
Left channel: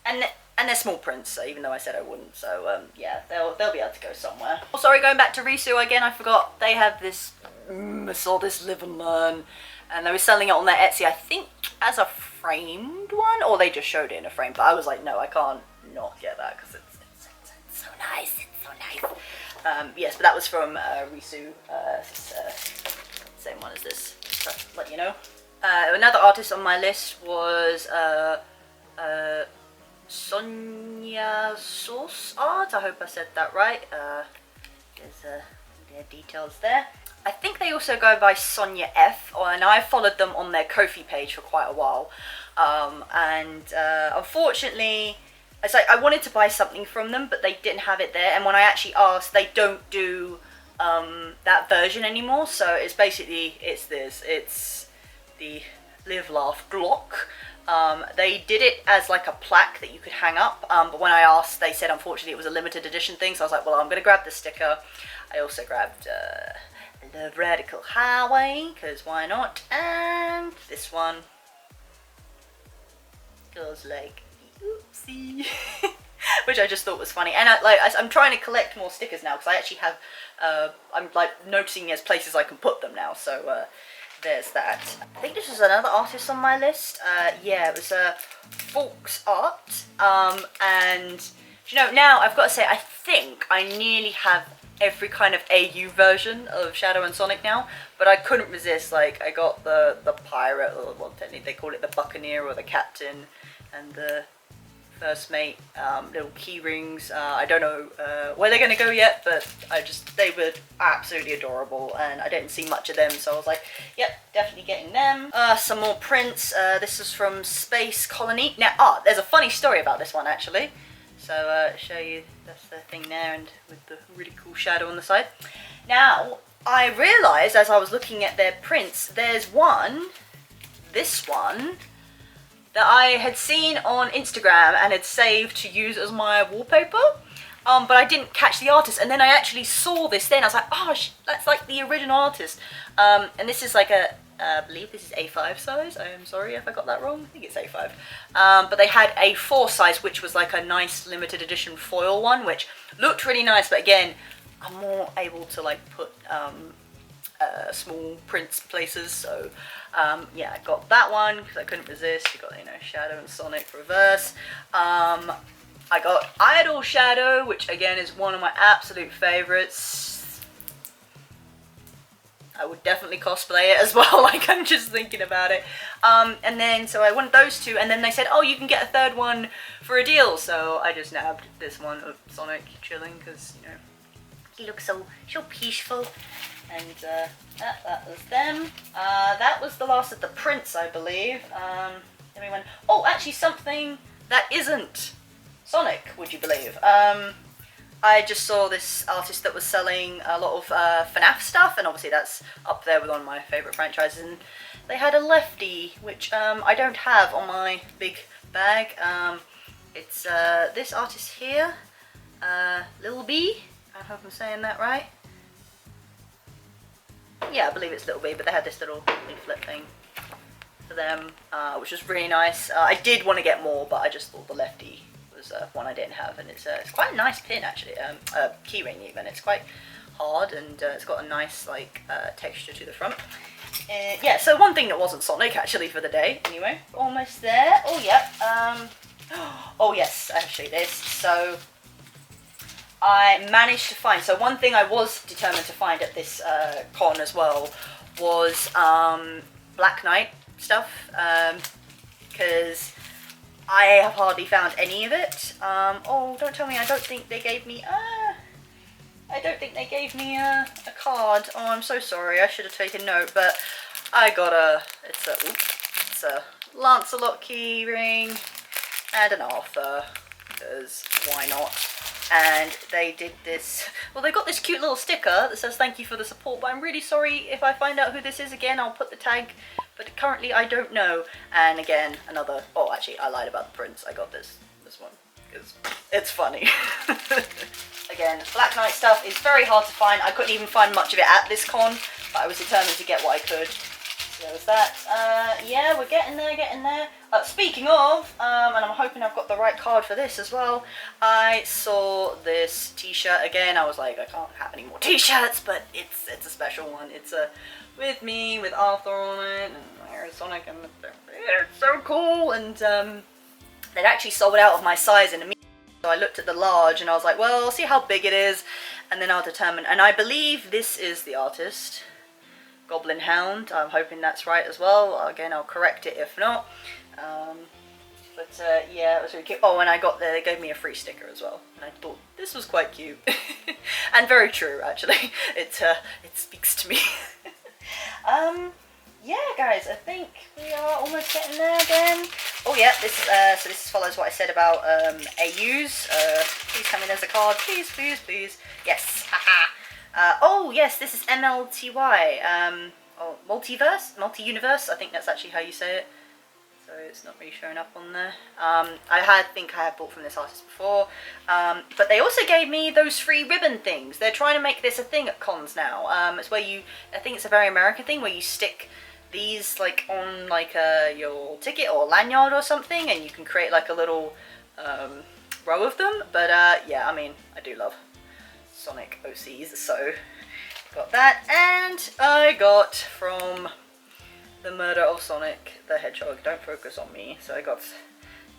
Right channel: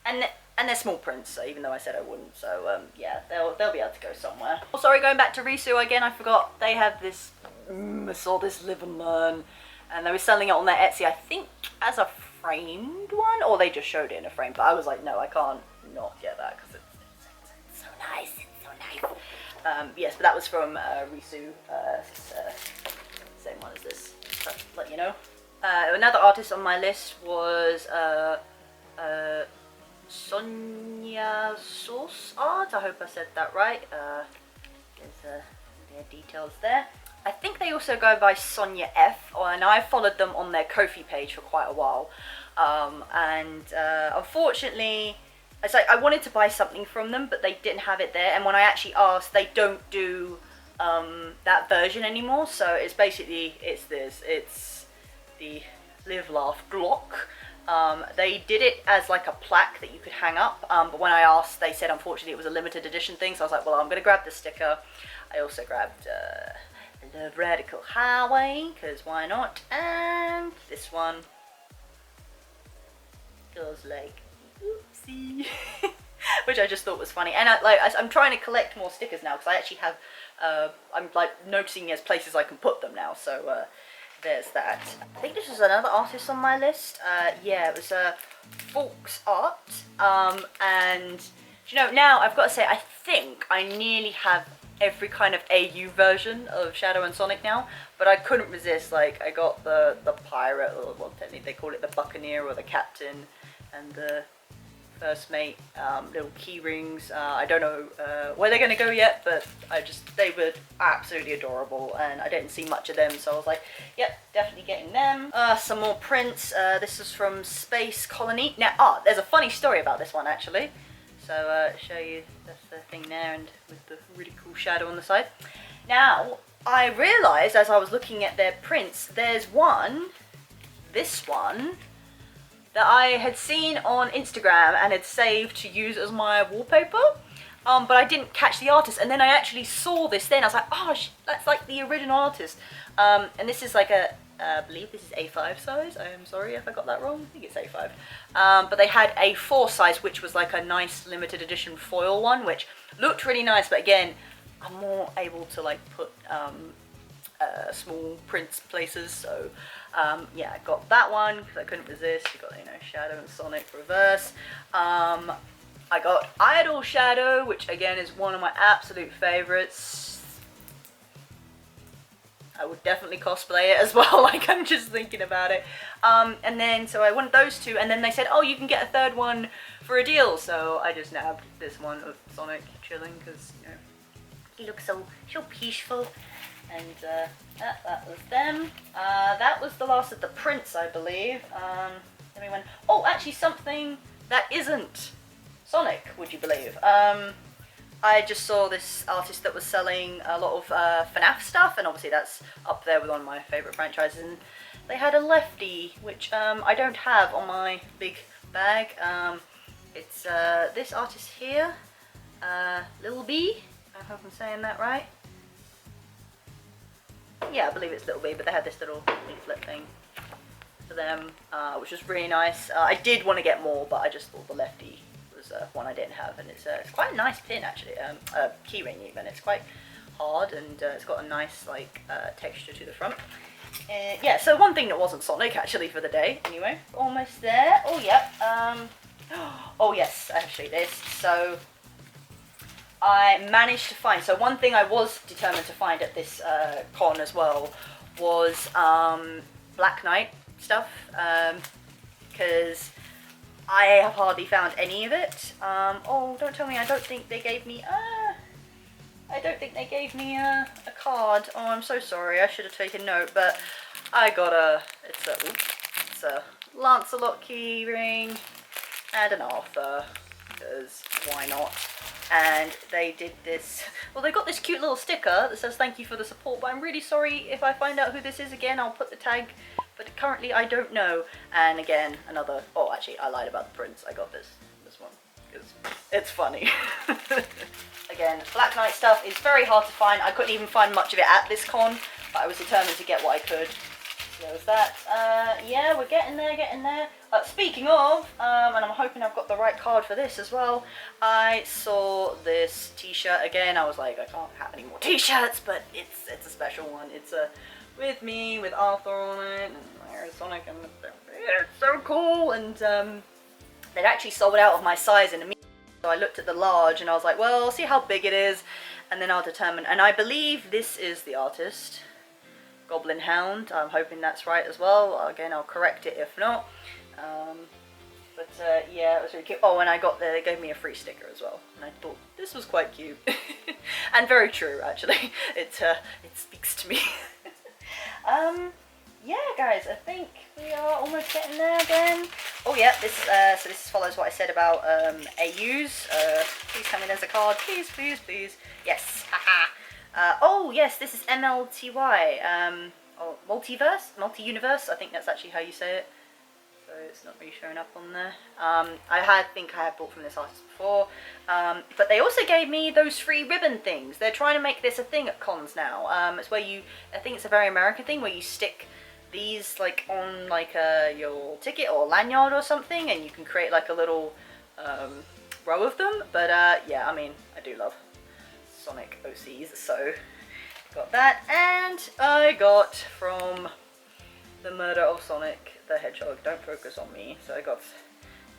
And they're small prints, so even though I said I wouldn't, so yeah, they'll be able to go somewhere. Oh, sorry, going back to 𝘼𝙒𝘼𝙼 again, I forgot, they have this, I saw this Live and Learn, and they were selling it on their Etsy, I think as a framed one, or they just showed it in a frame, but I was like, no, I can't not get that, because it's so nice, it's so nice. Yes, but that was from 𝘼𝙒𝘼𝘼, same one as this, just to let you know. Another artist on my list was 𝘼𝙒𝘼𝘃 art, I hope I said that right. There's their details there. I think they also go by Sonia F, and I followed them on their Ko-fi page for quite a while. Unfortunately, it's like I wanted to buy something from them, but they didn't have it there. And when I actually asked, they don't do that version anymore. So it's basically, it's the Live Laugh Glock. They did it as like a plaque that you could hang up, but when I asked, they said unfortunately it was a limited edition thing, so I was like, well, I'm gonna grab the sticker. I also grabbed 𝘼𝙒𝘼𝘼𝘃, because why not, and this one goes like the oopsie, which I just thought was funny. And I'm trying to collect more stickers now, because I actually have, I'm like noticing there's places I can put them now, so there's that. I think this was another artist on my list. Yeah, it was 𝘼𝙒𝘼𝘼 art. And you know, now I've got to say, I think I nearly have every kind of AU version of Shadow and Sonic now, but I couldn't resist. Like, I got the pirate, or well, technically they call it the buccaneer or the captain, and the first mate, little key rings. I don't know where they're gonna go yet, but they were absolutely adorable, and I didn't see much of them, so I was like, yep, definitely getting them. Some more prints. This is from Space Colony. Now, there's a funny story about this one actually. So show you, that's the thing there, and with the really cool shadow on the side. Now, I realised as I was looking at their prints, there's one, this one, that I had seen on Instagram and had saved to use as my wallpaper, but I didn't catch the artist, and then I actually saw this then, I was like, oh, that's like the original artist. And this is like I believe this is A5 size, I am sorry if I got that wrong, I think it's A5. But they had a 4 size, which was like a nice limited edition foil one, which looked really nice, but again, I'm more able to like put small prints places, so yeah, I got that one because I couldn't resist. You got, you know, Shadow and Sonic reverse. I got Idol Shadow, which again is one of my absolute favorites. I would definitely cosplay it as well, like I'm just thinking about it. And then, so I wanted those two, and then they said, oh, you can get a third one for a deal, so I just nabbed this one of Sonic chilling, because, you know, he looks so peaceful. And that was them. That was the last of the prints, I believe. Then we went, oh, actually something that isn't Sonic, would you believe? I just saw this artist that was selling a lot of FNAF stuff, and obviously that's up there with one of my favourite franchises, and they had a lefty, which I don't have on my big bag. It's this artist here, 𝘼𝙒𝙼𝘼𝘼, I hope I'm saying that right. Yeah, I believe it's 𝘼𝙼𝙼, but they had this little leaflet thing for them, which was really nice. I did want to get more, but I just thought the lefty was one I didn't have, and it's quite a nice pin actually, keyring even. It's quite hard, and it's got a nice like texture to the front. Yeah, so one thing that wasn't Sonic actually for the day. Anyway, almost there. Oh yeah. Oh yes, I'll show you this. So I managed to find, so one thing I was determined to find at this con as well was Black Knight stuff, because I have hardly found any of it. Oh, don't tell me, I don't think they gave me, I don't think they gave me a card. Oh, I'm so sorry. I should have taken note, but I got it's a Lancelot key ring and an Arthur, because why not? And they did this, well, they got this cute little sticker that says thank you for the support, but I'm really sorry if I find out who this is again, I'll put the tag, but currently I don't know. And again, another, oh, actually, I lied about the prints. I got this one, because it's funny. Again, Black Knight stuff is very hard to find. I couldn't even find much of it at this con, but I was determined to get what I could. So there was that. Yeah, we're getting there, speaking of, and I'm hoping I've got the right card for this as well, I saw this t-shirt again. I was like, I can't have any more t-shirts, but it's a special one. It's with me, with Arthur on it, and there's Sonic, and it's so cool. And they'd actually sold out of my size in a minute, so I looked at the large, and I was like, well, I'll see how big it is, and then I'll determine. And I believe this is the artist, Goblin Hound. I'm hoping that's right as well. Again, I'll correct it if not. Yeah, it was really cute. Oh, and they gave me a free sticker as well, and I thought this was quite cute. And very true, actually. It speaks to me. Yeah, guys, I think we are almost getting there again. Oh yeah, so this follows what I said about AUs. Please come in as a card, please, please, please. Yes, haha. Oh yes, this is MLTY. Oh, multi-universe. I think that's actually how you say it. So it's not really showing up on there. I think I had bought from this artist before. But they also gave me those free ribbon things. They're trying to make this a thing at cons now. It's where I think it's a very American thing, where you stick these like on like your ticket or lanyard or something, and you can create like a little row of them. But yeah, I mean, I do love Sonic OCs, so got that. And I got from The Murder of Sonic the Hedgehog, Don't Focus on Me. So I got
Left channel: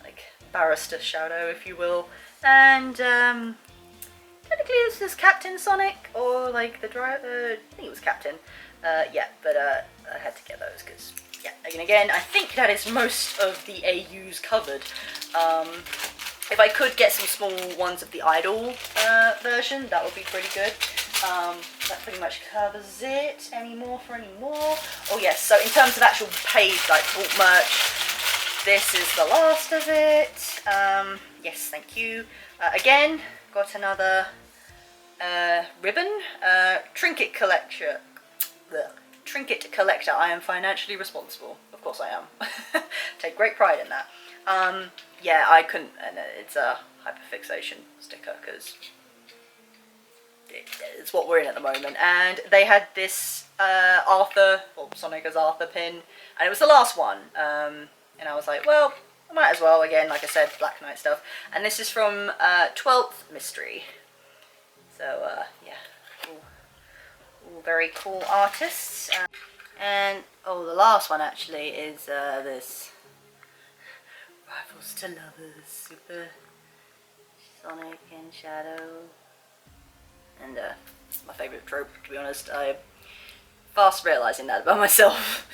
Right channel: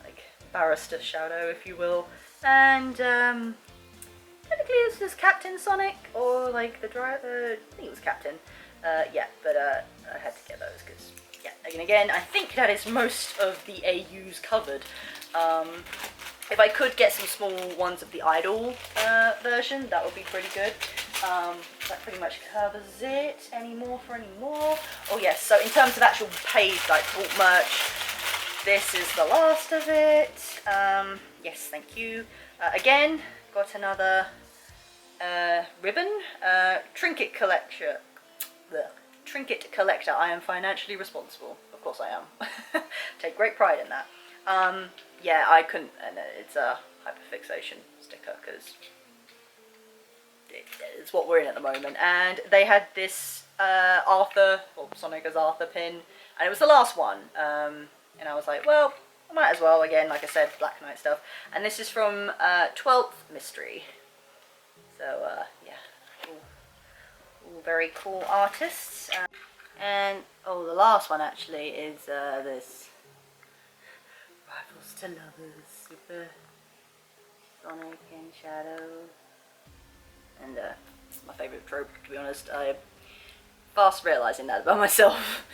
like Barrister Shadow, if you will, and technically this is Captain Sonic, or like the driver, I think it was Captain. Yeah, but I had to get those because, yeah, again, I think that is most of the AUs covered. If I could get some small ones of the Idol version, that would be pretty good. That pretty much covers it. Any more? Oh yes, so in terms of actual paid, like, bought merch, this is the last of it. Yes, thank you. Again, got another ribbon. Trinket collector. I am financially responsible. Of course I am. Take great pride in that. Yeah, I couldn't, and it's a hyperfixation sticker because it's what we're in at the moment. And they had this Arthur, or Sonic as Arthur pin, and it was the last one. And I was like, well, I might as well. Again, like I said, Black Knight stuff. And this is from 12th Mystery. So yeah, all very cool artists. And oh, the last one actually is this Rivals to Lovers, Super Sonic and Shadow. And it's my favourite trope, to be honest. I'm fast realising that about myself.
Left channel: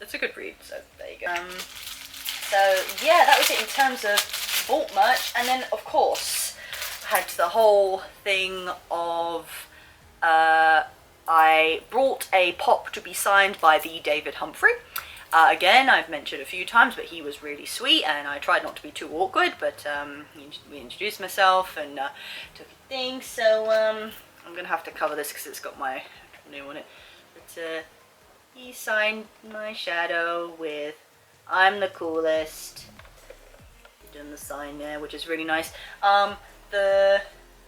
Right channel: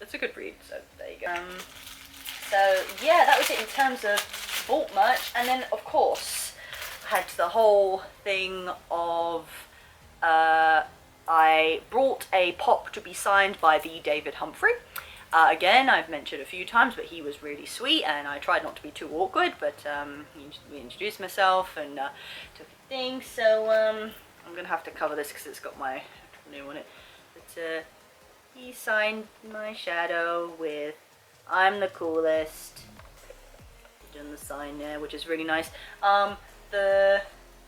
It's a good read, so there you go. So yeah, that was it in terms of bought merch. And then of course I had the whole thing of I brought a pop to be signed by the David Humphrey. Again, I've mentioned a few times, but he was really sweet, and I tried not to be too awkward, but we introduced myself and took a thing. So I'm going to have to cover this because it's got my name on it. But he signed my Shadow with "I'm the coolest." Done the sign there, which is really nice. The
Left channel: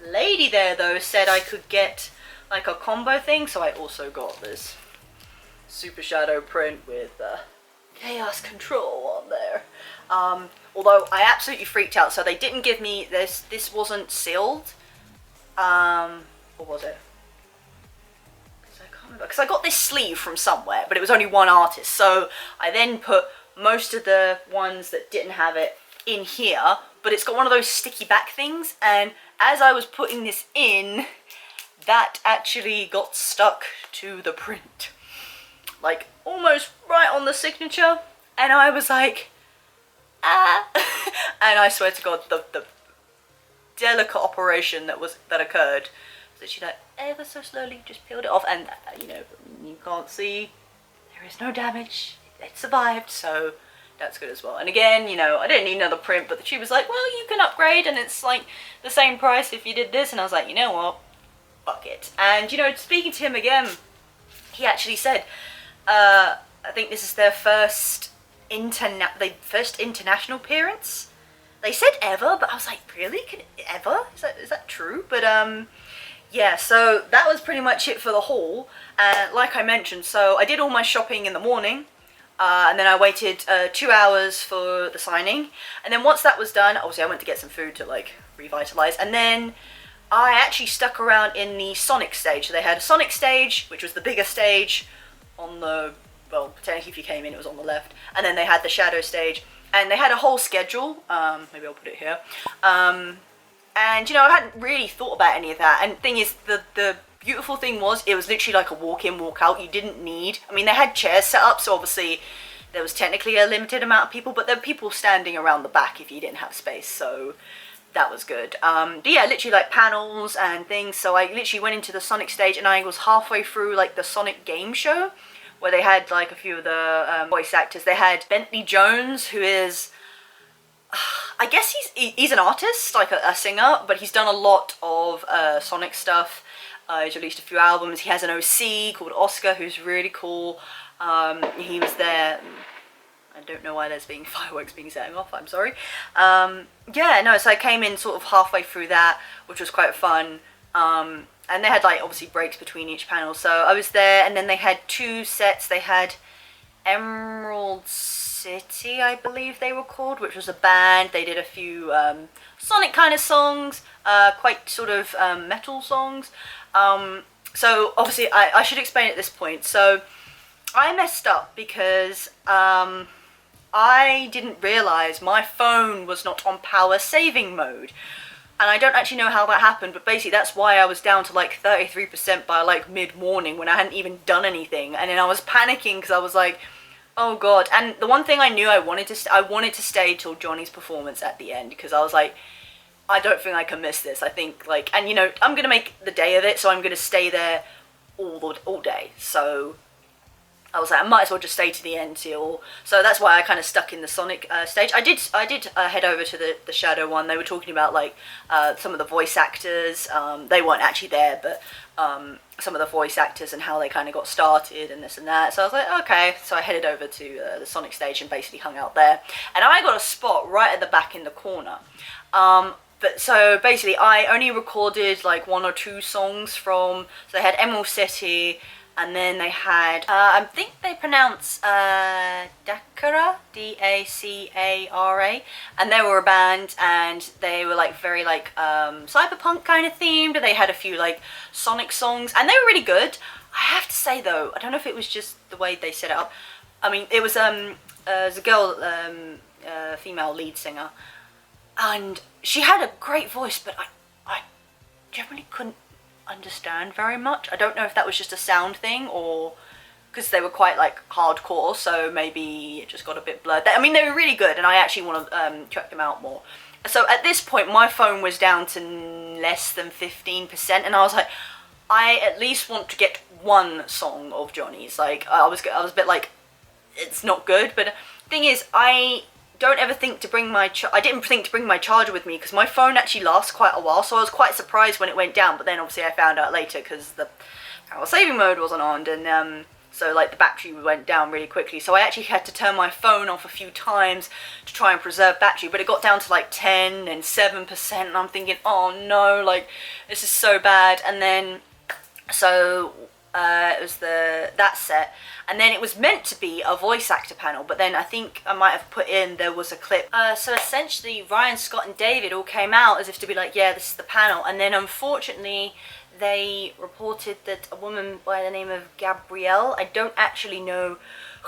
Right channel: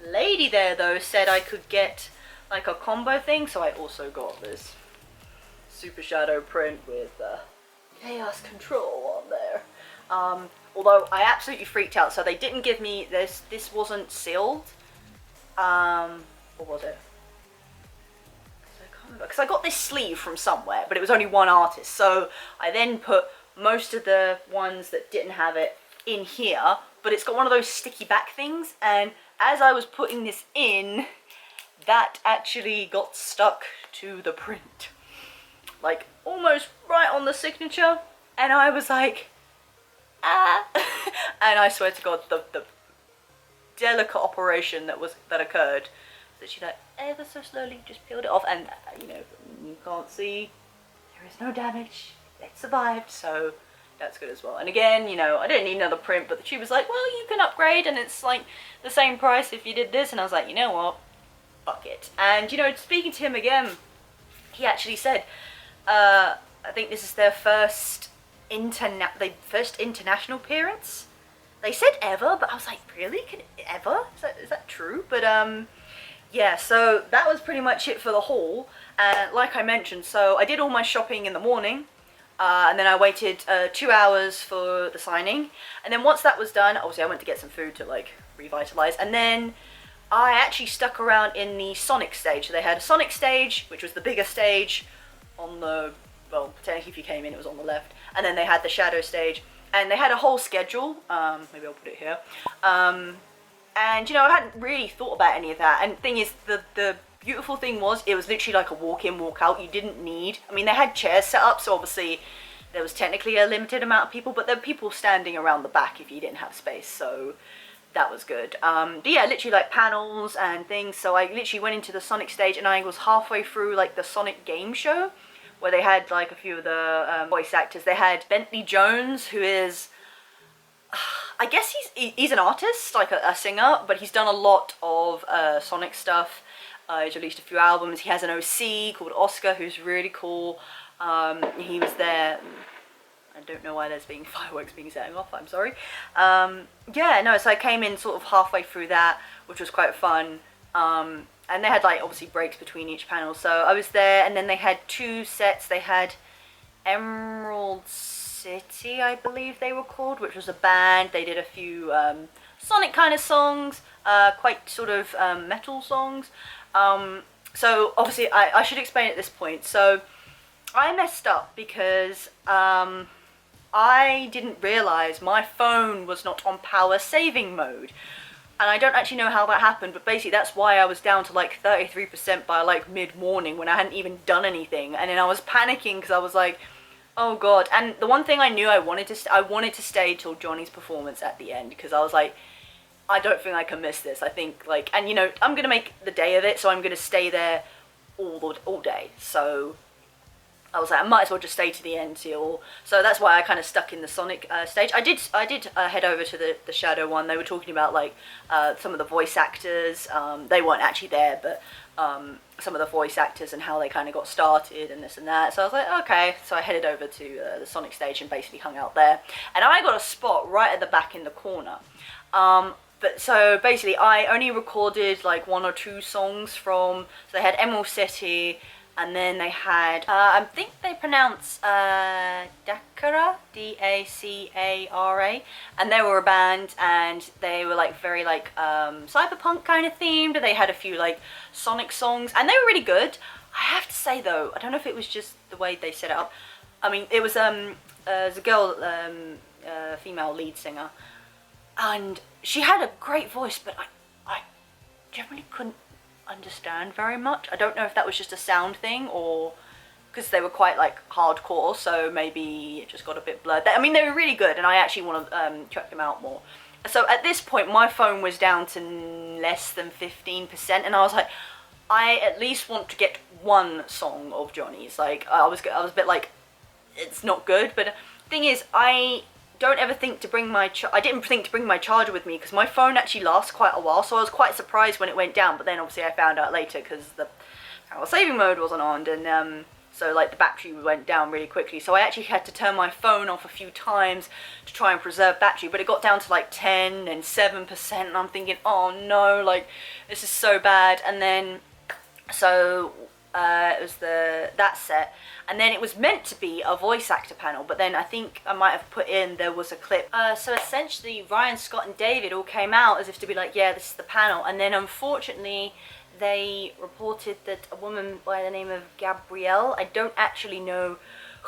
lady there, though, said I could get like a combo thing, so I also got this Super Shadow print with Chaos Control on there. Although I absolutely freaked out, so they didn't give me this. This wasn't sealed. What was it? I can't remember, because I got this sleeve from somewhere, but it was only one artist. So I then put most of the ones that didn't have it in here, but it's got one of those sticky back things. And as I was putting this in, that actually got stuck to the print, like almost right on the signature, and I was like, ah. And I swear to God, delicate operation that occurred. So she like ever so slowly just peeled it off, and you know, you can't see, there is no damage. It survived, so that's good as well. And again, you know, I didn't need another print, but she was like, well, you can upgrade and it's like the same price if you did this. And I was like, you know what, fuck it. And you know, speaking to him again, he actually said, I think this is their first international appearance. They said ever, but I was like, really? Ever? Is that true? But yeah, so that was pretty much it for the haul. Like I mentioned, so I did all my shopping in the morning. And then I waited 2 hours for the signing, and then once that was done, obviously I went to get some food to like revitalize, and then I actually stuck around in the Sonic stage. So they had a Sonic stage, which was the bigger stage on the, well, technically if you came in it was on the left, and then they had the Shadow stage, and they had a whole schedule. Maybe I'll put it here. And you know, I hadn't really thought about any of that, and the thing is, the beautiful thing was, it was literally like a walk in, walk out. You didn't need, I mean, they had chairs set up, so obviously there was technically a limited amount of people, but there were people standing around the back if you didn't have space, so that was good. But yeah, literally like panels and things. So I literally went into the Sonic stage, and I was halfway through like the Sonic game show, where they had like a few of the voice actors. They had Bentley Jones, who is, I guess he's an artist, like a singer, but he's done a lot of Sonic stuff. He's released a few albums. He has an OC called Oscar, who's really cool. He was there. I don't know why there's being fireworks being set off, I'm sorry. Yeah, no, so I came in sort of halfway through that, which was quite fun. And they had like obviously breaks between each panel. So I was there, and then they had 2 sets. They had Emerald City, I believe they were called, which was a band. They did a few Sonic kind of songs, quite sort of metal songs. So obviously I should explain at this point. So I messed up because I didn't realize my phone was not on power saving mode, and I don't actually know how that happened, but basically that's why I was down to like 33% by like mid-morning when I hadn't even done anything. And then I was panicking because I was like, oh god. And the one thing I knew I wanted to stay till Johnny's performance at the end, because I was like, I don't think I can miss this. I think like, and you know, I'm gonna make the day of it, so I'm gonna stay there all day. So I was like, I might as well just stay to the end till. So that's why I kind of stuck in the Sonic stage. I did head over to the Shadow one. They were talking about like some of the voice actors. They weren't actually there, but some of the voice actors and how they kind of got started and this and that. So I was like, okay. So I headed over to the Sonic stage and basically hung out there. And I got a spot right at the back in the corner. But so basically I only recorded like 1 or 2 songs from, so they had Emerald City, and then they had, I think they pronounce 𝘼𝙒𝙼𝙒, D-A-C-A-R-A, and they were a band, and they were like very like cyberpunk kind of themed. They had a few like Sonic songs, and they were really good. I have to say though, I don't know if it was just the way they set it up. I mean, it was there's a girl, female lead singer, and she had a great voice, but I generally couldn't understand very much. I don't know if that was just a sound thing, or because they were quite like hardcore, so maybe it just got a bit blurred. I mean, they were really good, and I actually want to check them out more. So at this point my phone was down to less than 15%, and I was like, I at least want to get 1 song of Johnny's. Like I was a bit like, it's not good. But the thing is, I don't ever think to bring my I didn't think to bring my charger with me, because my phone actually lasts quite a while, so I was quite surprised when it went down. But then obviously I found out later because the power saving mode wasn't on, and so like the battery went down really quickly, so I actually had to turn my phone off a few times to try and preserve battery. But it got down to like 10 and 7%, and I'm thinking, oh no, like this is so bad. And then so it was that set, and then it was meant to be a voice actor panel, but then I think I might have put in, there was a clip. So essentially Ryan, Scott and David all came out as if to be like, yeah, this is the panel, and then unfortunately they reported that a woman by the name of Gabrielle, I don't actually know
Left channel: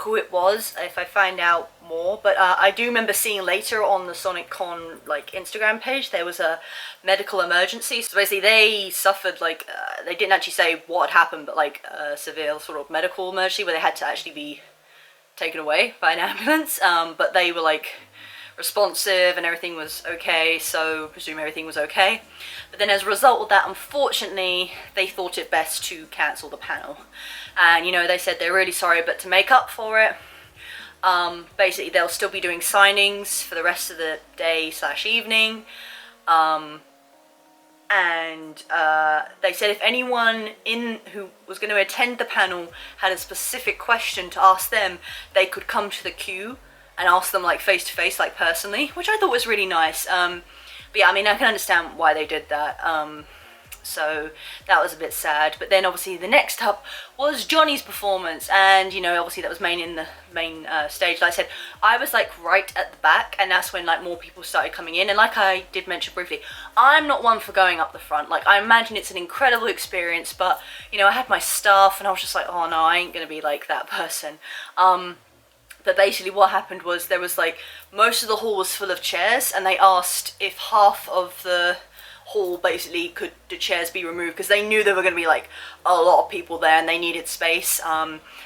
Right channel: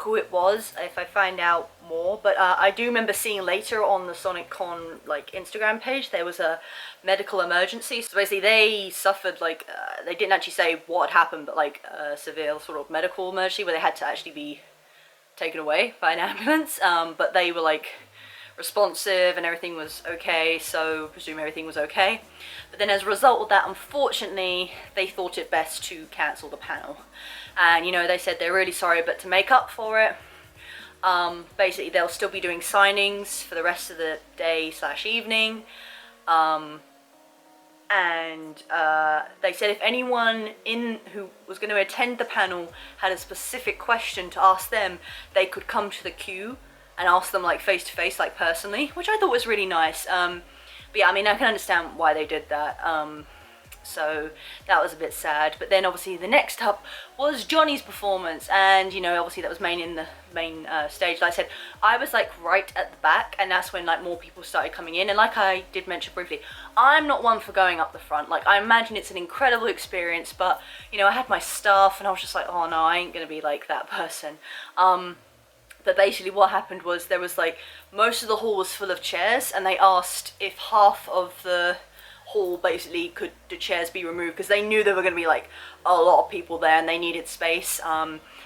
who it was, if I find out more, but I do remember seeing later on the SonicCon like Instagram page, there was a medical emergency. So basically they suffered like, they didn't actually say what had happened, but like a severe sort of medical emergency where they had to actually be taken away by an ambulance. But they were like responsive and everything was okay, so I presume everything was okay. But then as a result of that, unfortunately, they thought it best to cancel the panel. And, you know, they said they're really sorry, but to make up for it, basically they'll still be doing signings for the rest of the day / evening. And they said if anyone who was going to attend the panel had a specific question to ask them, they could come to the queue and ask them like face to face, like personally, which I thought was really nice. But yeah, I mean, I can understand why they did that. So that was a bit sad. But then obviously the next up was Johnny's performance, and you know, obviously that was in the main stage. Like I said, I was like right at the back, and that's when like more people started coming in. And like I did mention briefly, I'm not one for going up the front. Like, I imagine it's an incredible experience, but you know, I had my staff and I was just like, oh no, I ain't gonna be like that person. But basically what happened was there was like, most of the hall was full of chairs, and they asked if half of the hall basically could the chairs be removed, because they knew there were going to be like a lot of people there and they needed space.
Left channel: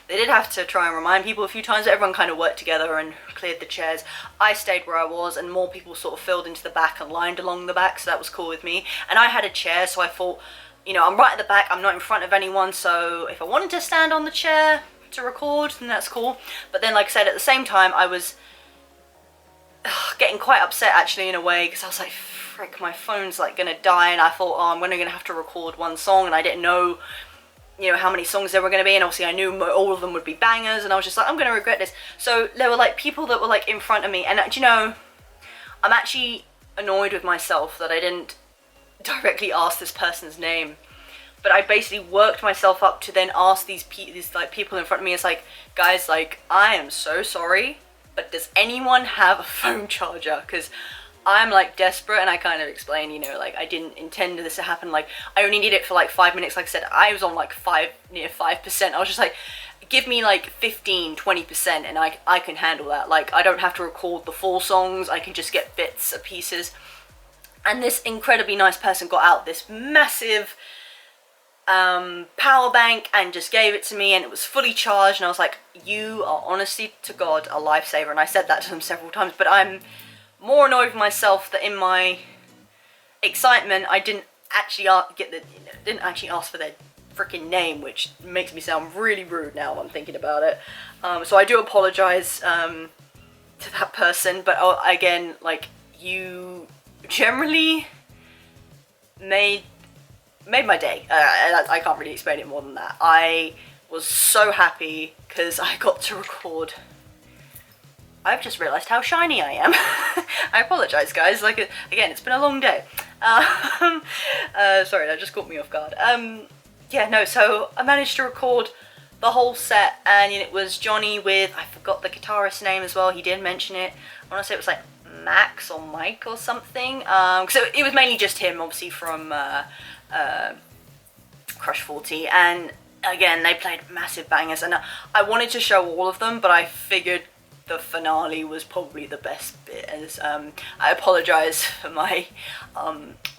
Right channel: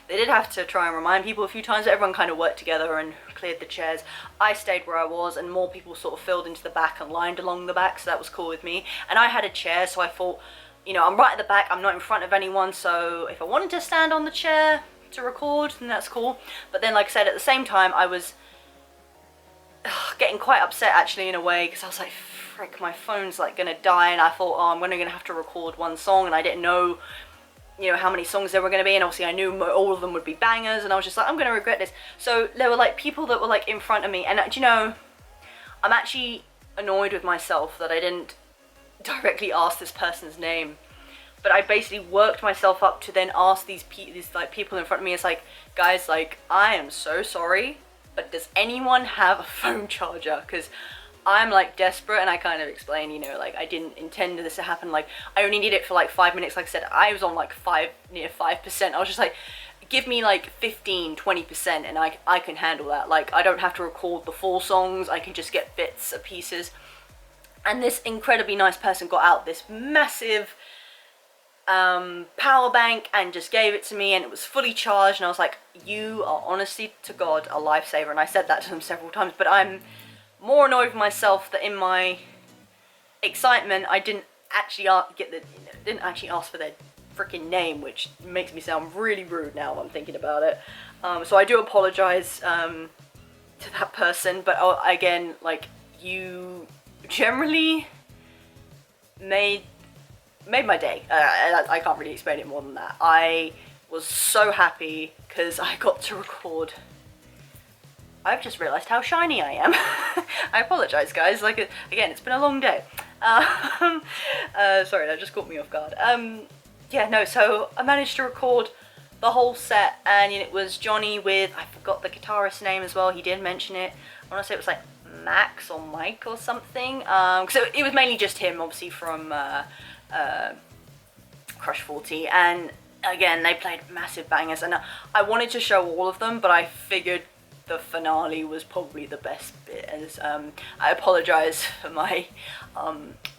They did have to try and remind people a few times, but everyone kind of worked together and cleared the chairs. I stayed where I was, and more people sort of filled into the back and lined along the back, so that was cool with me. And I had a chair, so I thought, you know, I'm right at the back, I'm not in front of anyone, so if I wanted to stand on the chair to record, then that's cool. But then, like I said, at the same time, I was getting quite upset actually in a way, because I was like, frick, my phone's like gonna die, and I thought, oh, I'm only gonna have to record one song, and I didn't know, you know, how many songs there were gonna be, and obviously I knew all of them would be bangers, and I was just like, I'm gonna regret this. So there were like people that were like in front of me, and do you know, I'm actually annoyed with myself that I didn't directly ask this person's name. But I basically worked myself up to then ask these like people in front of me. It's like, guys, like, I am so sorry, but does anyone have a phone charger? Because I'm like desperate, and I kind of explained, you know, like, I didn't intend this to happen. Like, I only need it for like 5 minutes. Like I said, I was on like near 5%. I was just like, give me like 15-20%, and I can handle that. Like, I don't have to record the full songs. I can just get bits of pieces. And this incredibly nice person got out this massive power bank and just gave it to me, and it was fully charged, and I was like, you are honestly to God a lifesaver. And I said that to them several times, but I'm more annoyed with myself that in my excitement I didn't actually ask for their freaking name, which makes me sound really rude now I'm thinking about it. So I do apologize to that person, but again, like, you generally made my day. I can't really explain it more than that. I was so happy because I got to record. I've just realised how shiny I am. I apologise, guys. Like, again, it's been a long day. Sorry, that just caught me off guard. Yeah, no, so I managed to record the whole set, and it was Johnny with, I forgot the guitarist's name as well, he did mention it. I want to say it was like Max or Mike or something. Because it was mainly just him, obviously, from Crush 40, and again, they played massive bangers, and I wanted to show all of them, but I figured the finale was probably the best bit. As I apologise for my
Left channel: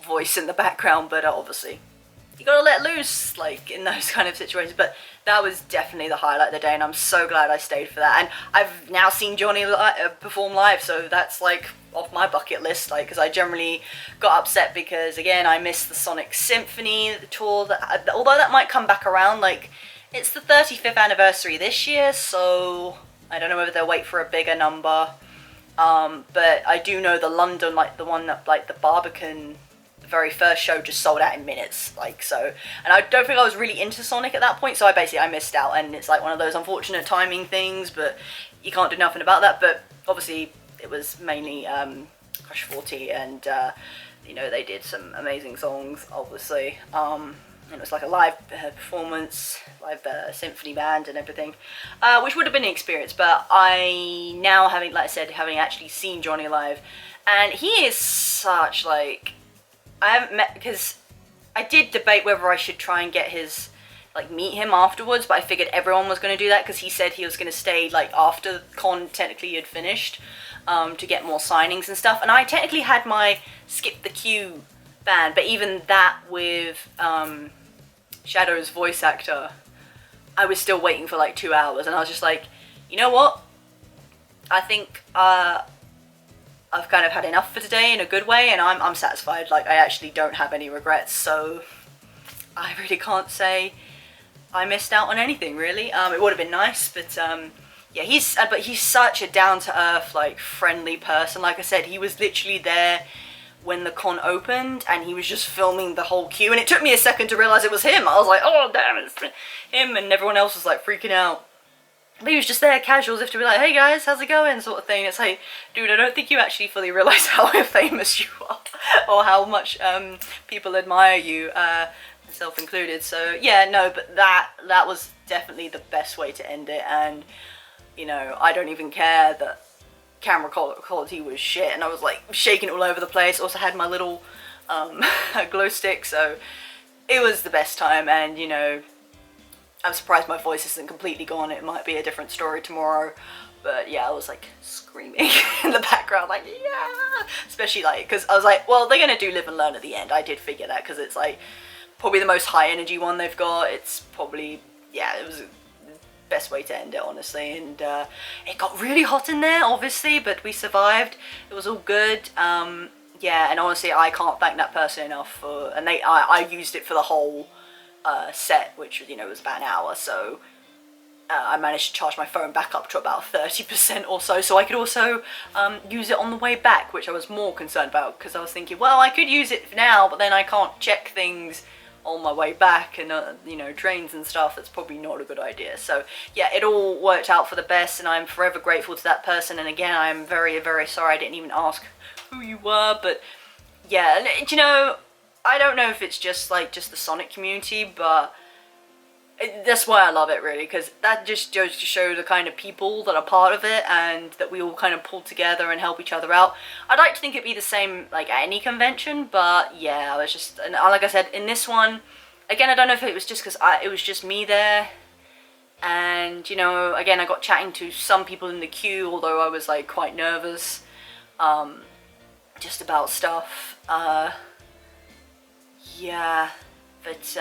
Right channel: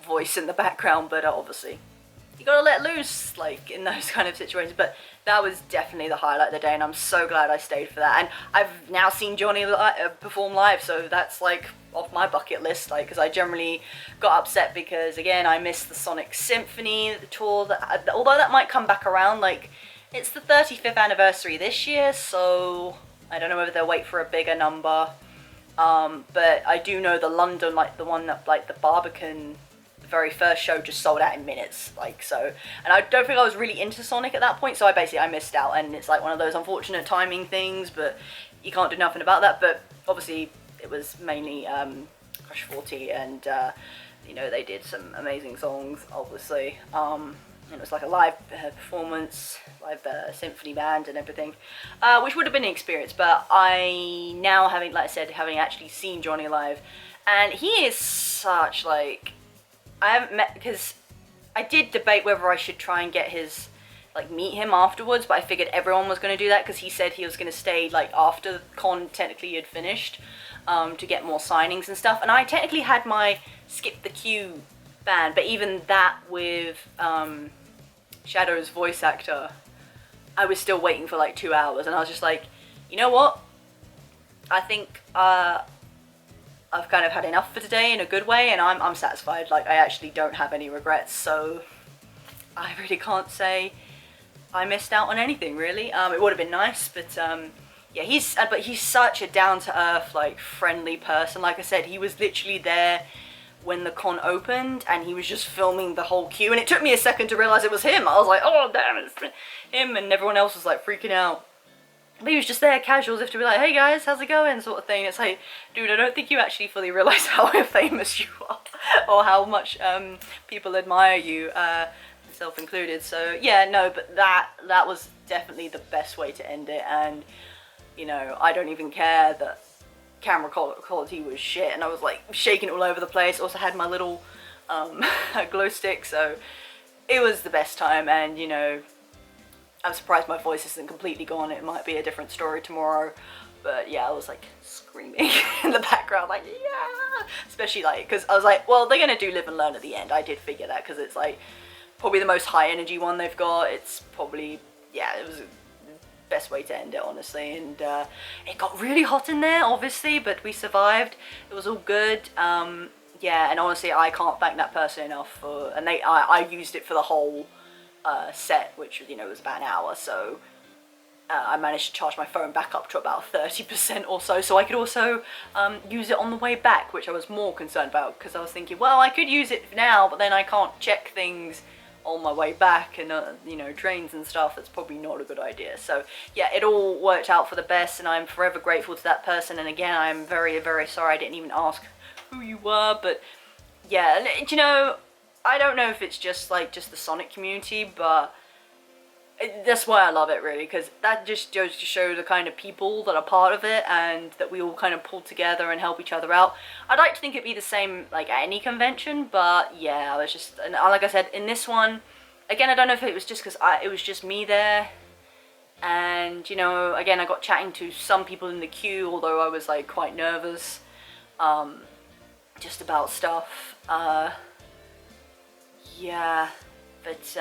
voice in the background, but obviously you gotta let loose, like, in those kind of situations. But that was definitely the highlight of the day, and I'm so glad I stayed for that. And I've now seen Johnny perform live, so that's like off my bucket list, like, because I generally got upset because, again, I missed the Sonic Symphony tour, although that might come back around. Like, it's the 35th anniversary this year, so I don't know whether they'll wait for a bigger number. But I do know the London, like the one that, like, the Barbican, the very first show just sold out in minutes, like, so. And I don't think I was really into Sonic at that point, so I missed out, and it's like one of those unfortunate timing things, but you can't do nothing about that. But obviously it was mainly Crush 40, and you know, they did some amazing songs, obviously. And it was like a live performance, live symphony band and everything, which would have been an experience. But I now, having actually seen Johnny live, and he is such, like, I haven't met, because I did debate whether I should try and get his, like, meet him afterwards, but I figured everyone was going to do that, because he said he was going to stay, like, after con technically had finished, to get more signings and stuff. And I technically had my Skip the Queue band, but even that with Shadow's voice actor, I was still waiting for like 2 hours, and I was just like, you know what? I think I've kind of had enough for today in a good way, and I'm satisfied. Like, I actually don't have any regrets, so I really can't say I missed out on anything, really. It would have been nice, but yeah, he's such a down-to-earth, like, friendly person. Like I said, he was literally there when the con opened, and he was just filming the whole queue, and it took me a second to realise it was him. I was like, oh damn, it's him, and everyone else was like freaking out. But he was just there casual, as if to be like, hey guys, how's it going, sort of thing. It's like, dude, I don't think you actually fully realise how famous you are, or how much people admire you, myself included. So yeah, no, but that was definitely the best way to end it. And you know, I don't even care that camera quality was shit, and I was like shaking all over the place. Also had my little glow stick, so it was the best time. And you know, I'm surprised my voice isn't completely gone. It might be a different story tomorrow, but yeah, I was like screaming in the background, like yeah, especially like because I was like, well, they're gonna do live and learn at the end. I did figure that, because it's like probably the most high energy one they've got. It's probably, yeah, it was the best way to end it, honestly. And it got really hot in there, obviously, but we survived. It was all good. Yeah, and honestly, I can't thank that person enough for, and I used it for the whole set, which, you know, was about an hour, so I managed to charge my phone back up to about 30% or so, so I could also use it on the way back, which I was more concerned about, because I was thinking, well, I could use it now, but then I can't check things on my way back, and you know, trains and stuff. That's probably not a good idea. So yeah, it all worked out for the best, and I'm forever grateful to that person. And again, I'm very, very sorry I didn't even ask who you were, but yeah, you know, I don't know if it's just like the Sonic community, but that's why I love it, really, because that just goes to show the kind of people that are part of it, and that we all kind of pull together and help each other out. I'd like to think it'd be the same like at any convention, but yeah, I was just, and like I said, in this one, again, I don't know if it was just because it was just me there, and you know, again, I got chatting to some people in the queue, although I was like quite nervous, just about stuff. Yeah, but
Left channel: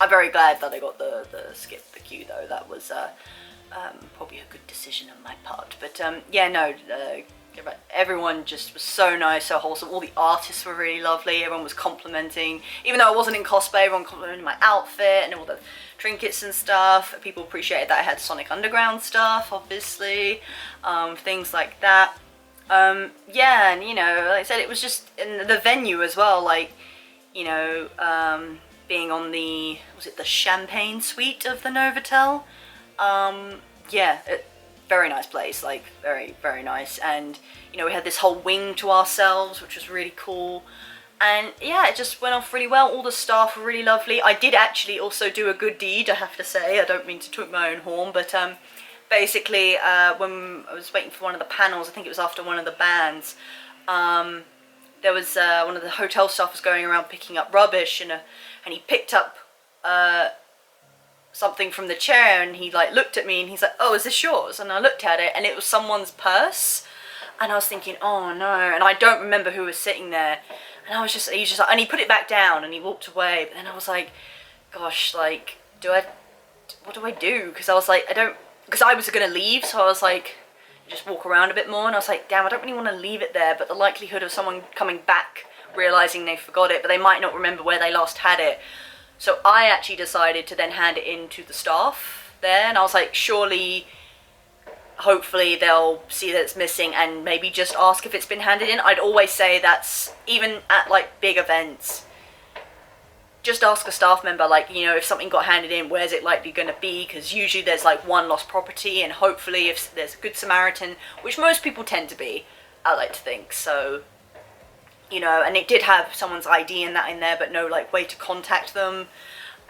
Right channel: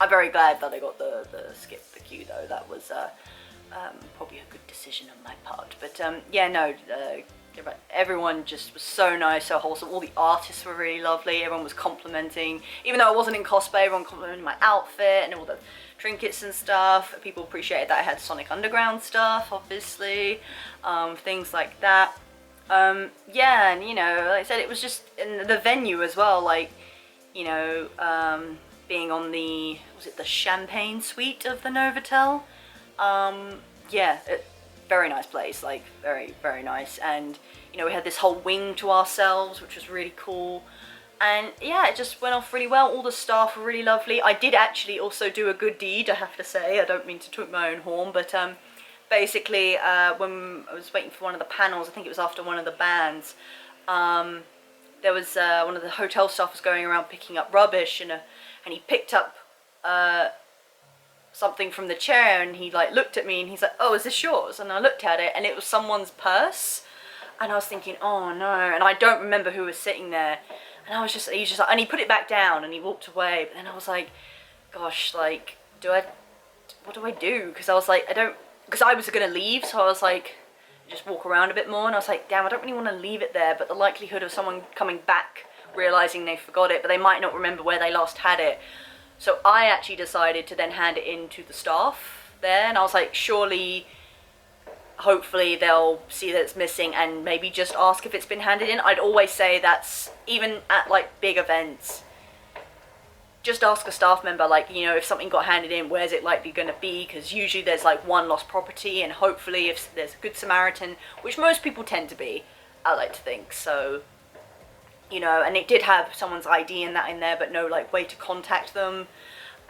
I'm very glad that I got the skip the queue, though. That was probably a good decision on my part. But yeah, no, everyone just was so nice, so wholesome. All the artists were really lovely. Everyone was complimenting, even though I wasn't in cosplay, everyone complimented my outfit and all the trinkets and stuff. People appreciated that I had Sonic Underground stuff, obviously, things like that. Yeah, and you know, like I said, it was just in the venue as well, like, you know, being on the, was it the champagne suite of the Novotel? Yeah, very nice place, like very, very nice. And, you know, we had this whole wing to ourselves, which was really cool. And yeah, it just went off really well. All the staff were really lovely. I did actually also do a good deed, I have to say. I don't mean to toot my own horn, but basically, when I was waiting for one of the panels, I think it was after one of the bands, there was one of the hotel staff was going around picking up rubbish, and he picked up something from the chair, and he like looked at me and he's like, oh, is this yours? And I looked at it, and it was someone's purse, and I was thinking, oh no, and I don't remember who was sitting there, and I was just, he's just like, and he put it back down and he walked away. But then I was like, gosh, like, what do I do? Because I was like, because I was gonna leave, so I was like, just walk around a bit more, and I was like, damn, I don't really want to leave it there, but the likelihood of someone coming back realizing they forgot it, but they might not remember where they last had it. So I actually decided to then hand it in to the staff there, and I was like, surely, hopefully they'll see that it's missing and maybe just ask if it's been handed in. I'd always say that's, even at like big events, just ask a staff member, like, you know, if something got handed in, where's it likely going to be? Because usually there's like one lost property, and hopefully if there's a good Samaritan, which most people tend to be, I like to think, so, you know, and it did have someone's ID and that in there, but no like way to contact them.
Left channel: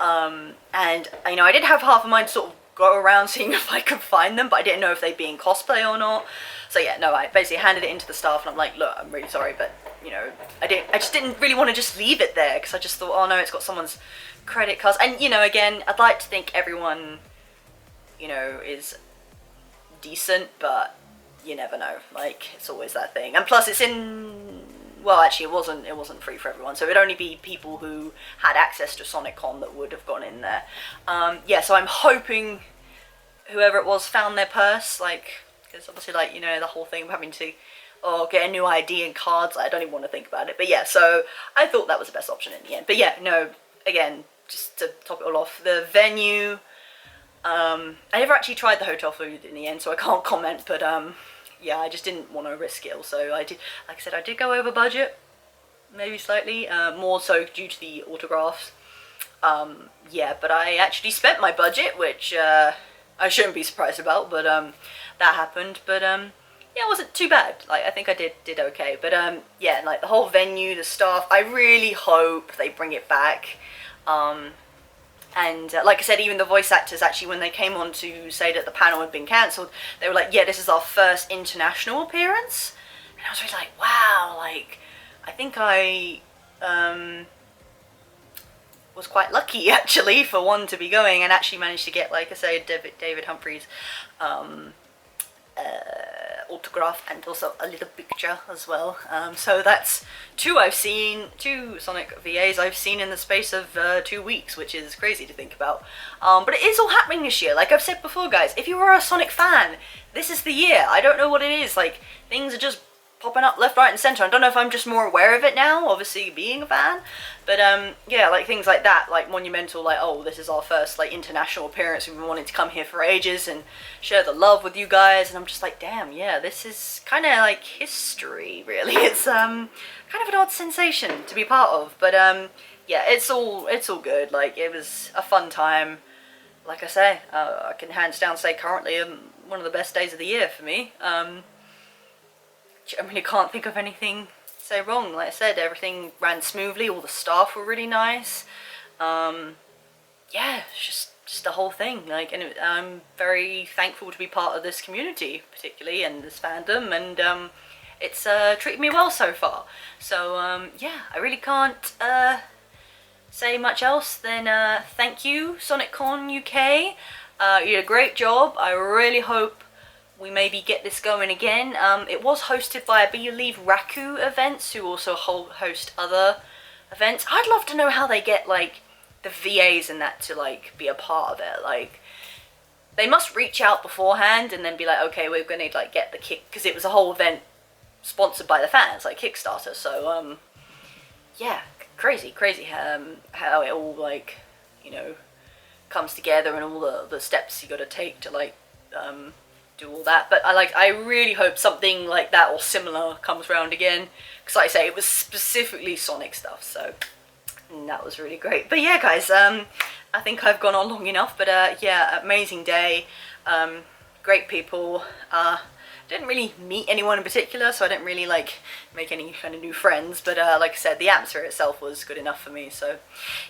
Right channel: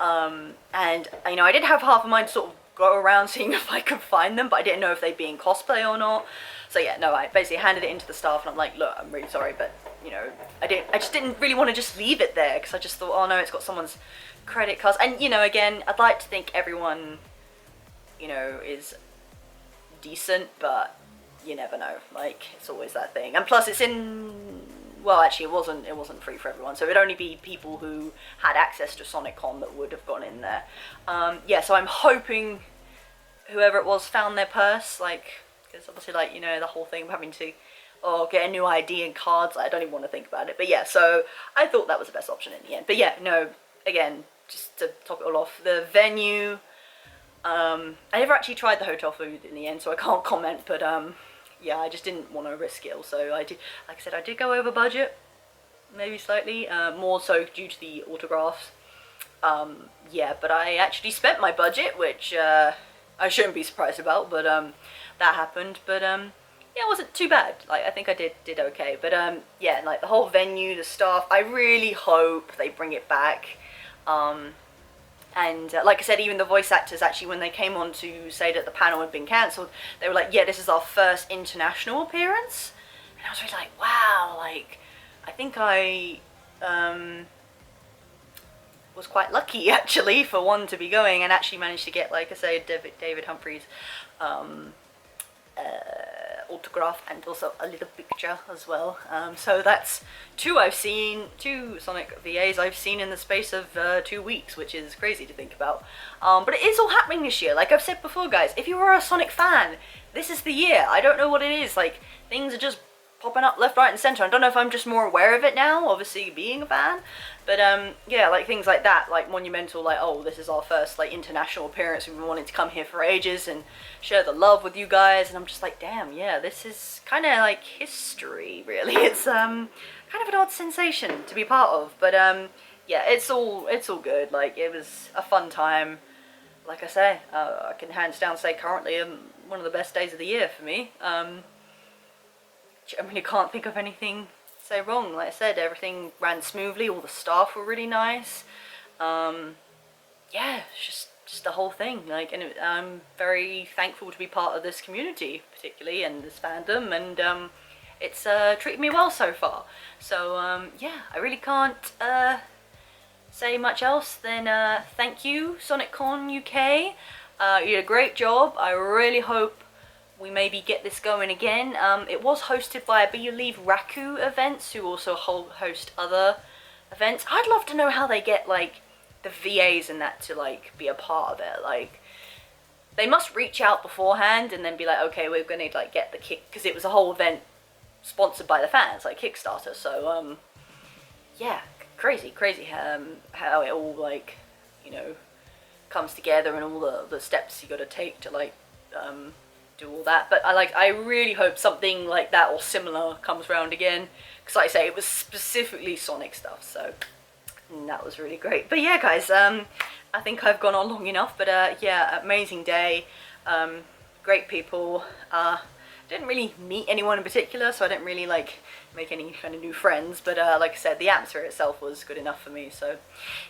And, you know, I did have half of mine sort of go around seeing if I could find them, but I didn't know if they'd be in cosplay or not. So yeah, no, I basically handed it into the staff, and I'm like, look, I'm really sorry, but, you know, I just didn't really want to just leave it there, because I just thought, oh no, it's got someone's credit cards. And, you know, again, I'd like to think everyone, you know, is decent, but you never know. Like, it's always that thing. And plus it's in, well, actually it wasn't free for everyone, so it'd only be people who had access to SonicCon that would have gone in there. Yeah, so I'm hoping whoever it was found their purse, like, because obviously, like, you know, the whole thing of having to or get a new ID and cards. I don't even want to think about it. But yeah, so I thought that was the best option in the end. But yeah, no, again, just to top it all off, the venue, I never actually tried the hotel food in the end, so I can't comment, but yeah, I just didn't want to risk it. So I did, like I said, I did go over budget, maybe slightly, more so due to the autographs. Yeah, but I actually spent my budget, which I shouldn't be surprised about, but that happened. But yeah, it wasn't too bad. Like, I think I did okay. But yeah, like the whole venue, the staff, I really hope they bring it back. And like I said, even the voice actors, actually, when they came on to say that the panel had been cancelled, they were like, yeah, this is our first international appearance. And I was really like, wow, like, I think I was quite lucky, actually, for one, to be going, and actually managed to get, like I say, David Humphrey's autograph, and also a little picture as well. So that's two Sonic VAs I've seen in the space of 2 weeks, which is crazy to think about. But it is all happening this year. Like I've said before, guys, if you are a Sonic fan, this is the year. I don't know what it is, like, things are just popping up left, right and centre. I don't know if I'm just more aware of it now, obviously being a fan, but yeah, like things like that, like Monumental, like, oh, this is our first like international appearance, we've been wanting to come here for ages and share the love with you guys, and I'm just like, damn, yeah, this is kind of like history, really. It's kind of an odd sensation to be part of, but yeah, it's all good. Like, it was a fun time. Like I say, I can hands down say currently one of the best days of the year for me. I really can't think of anything to say wrong. Like I said, everything ran smoothly, all the staff were really nice. Yeah, it's just the whole thing. Like, and I'm very thankful to be part of this community, particularly, and this fandom, and it's treated me well so far. So yeah, I really can't say much else than thank you, SonicConUK. You did a great job. I really hope we maybe get this going again. It was hosted by, I believe, 𝘼𝙒𝘼𝙒 events, who also host other events. I'd love to know how they get, like, the VAs and that to, like, be a part of it. Like, they must reach out beforehand and then be like, okay, we're gonna, like, get the kick, because it was a whole event sponsored by the fans, like Kickstarter. So, yeah, crazy how it all, like, you know, comes together, and all the steps you gotta take to, like, do all that. But I really hope something like that or similar comes around again, because like I say, it was specifically Sonic stuff, so that was really great. But yeah, guys, I think I've gone on long enough, but yeah, amazing day, great people. Didn't really meet anyone in particular, so I didn't really like make any kind of new friends, but like I said, the atmosphere itself was good enough for me. So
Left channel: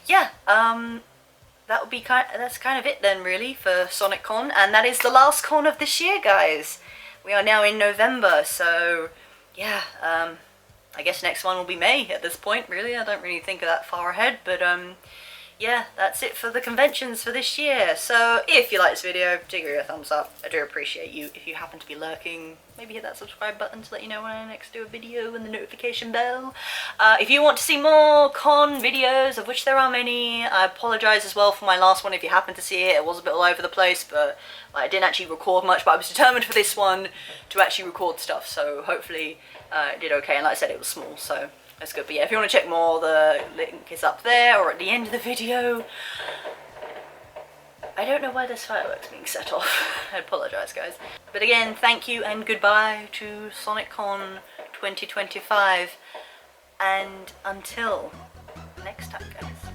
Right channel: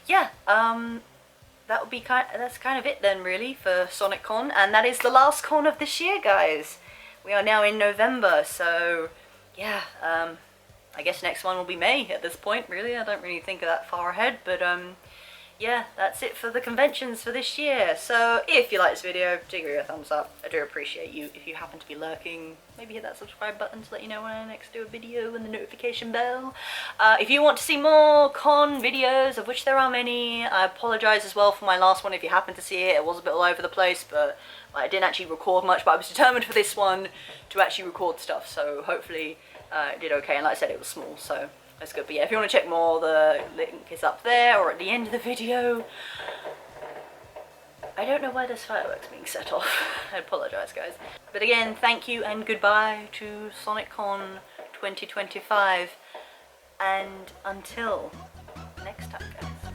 yeah, that would be that's kind of it then, really, for SonicCon, and that is the last con of this year, guys. We are now in November, so yeah, I guess next one will be May at this point, really. I don't really think of that far ahead, but yeah, that's it for the conventions for this year. So if you like this video, do give it a thumbs up. I do appreciate you. If you happen to be lurking, maybe hit that subscribe button to let you know when I next do a video, and the notification bell. If you want to see more con videos, of which there are many, I apologise as well for my last one if you happen to see it. It was a bit all over the place, but I didn't actually record much, but I was determined for this one to actually record stuff, so hopefully it did okay. And like I said, it was small, so that's good. But yeah, if you want to check more, the link is up there or at the end of the video. I don't know why there's fireworks being set off. I apologise, guys. But again, thank you and goodbye to SonicCon 2025. And until next time, guys.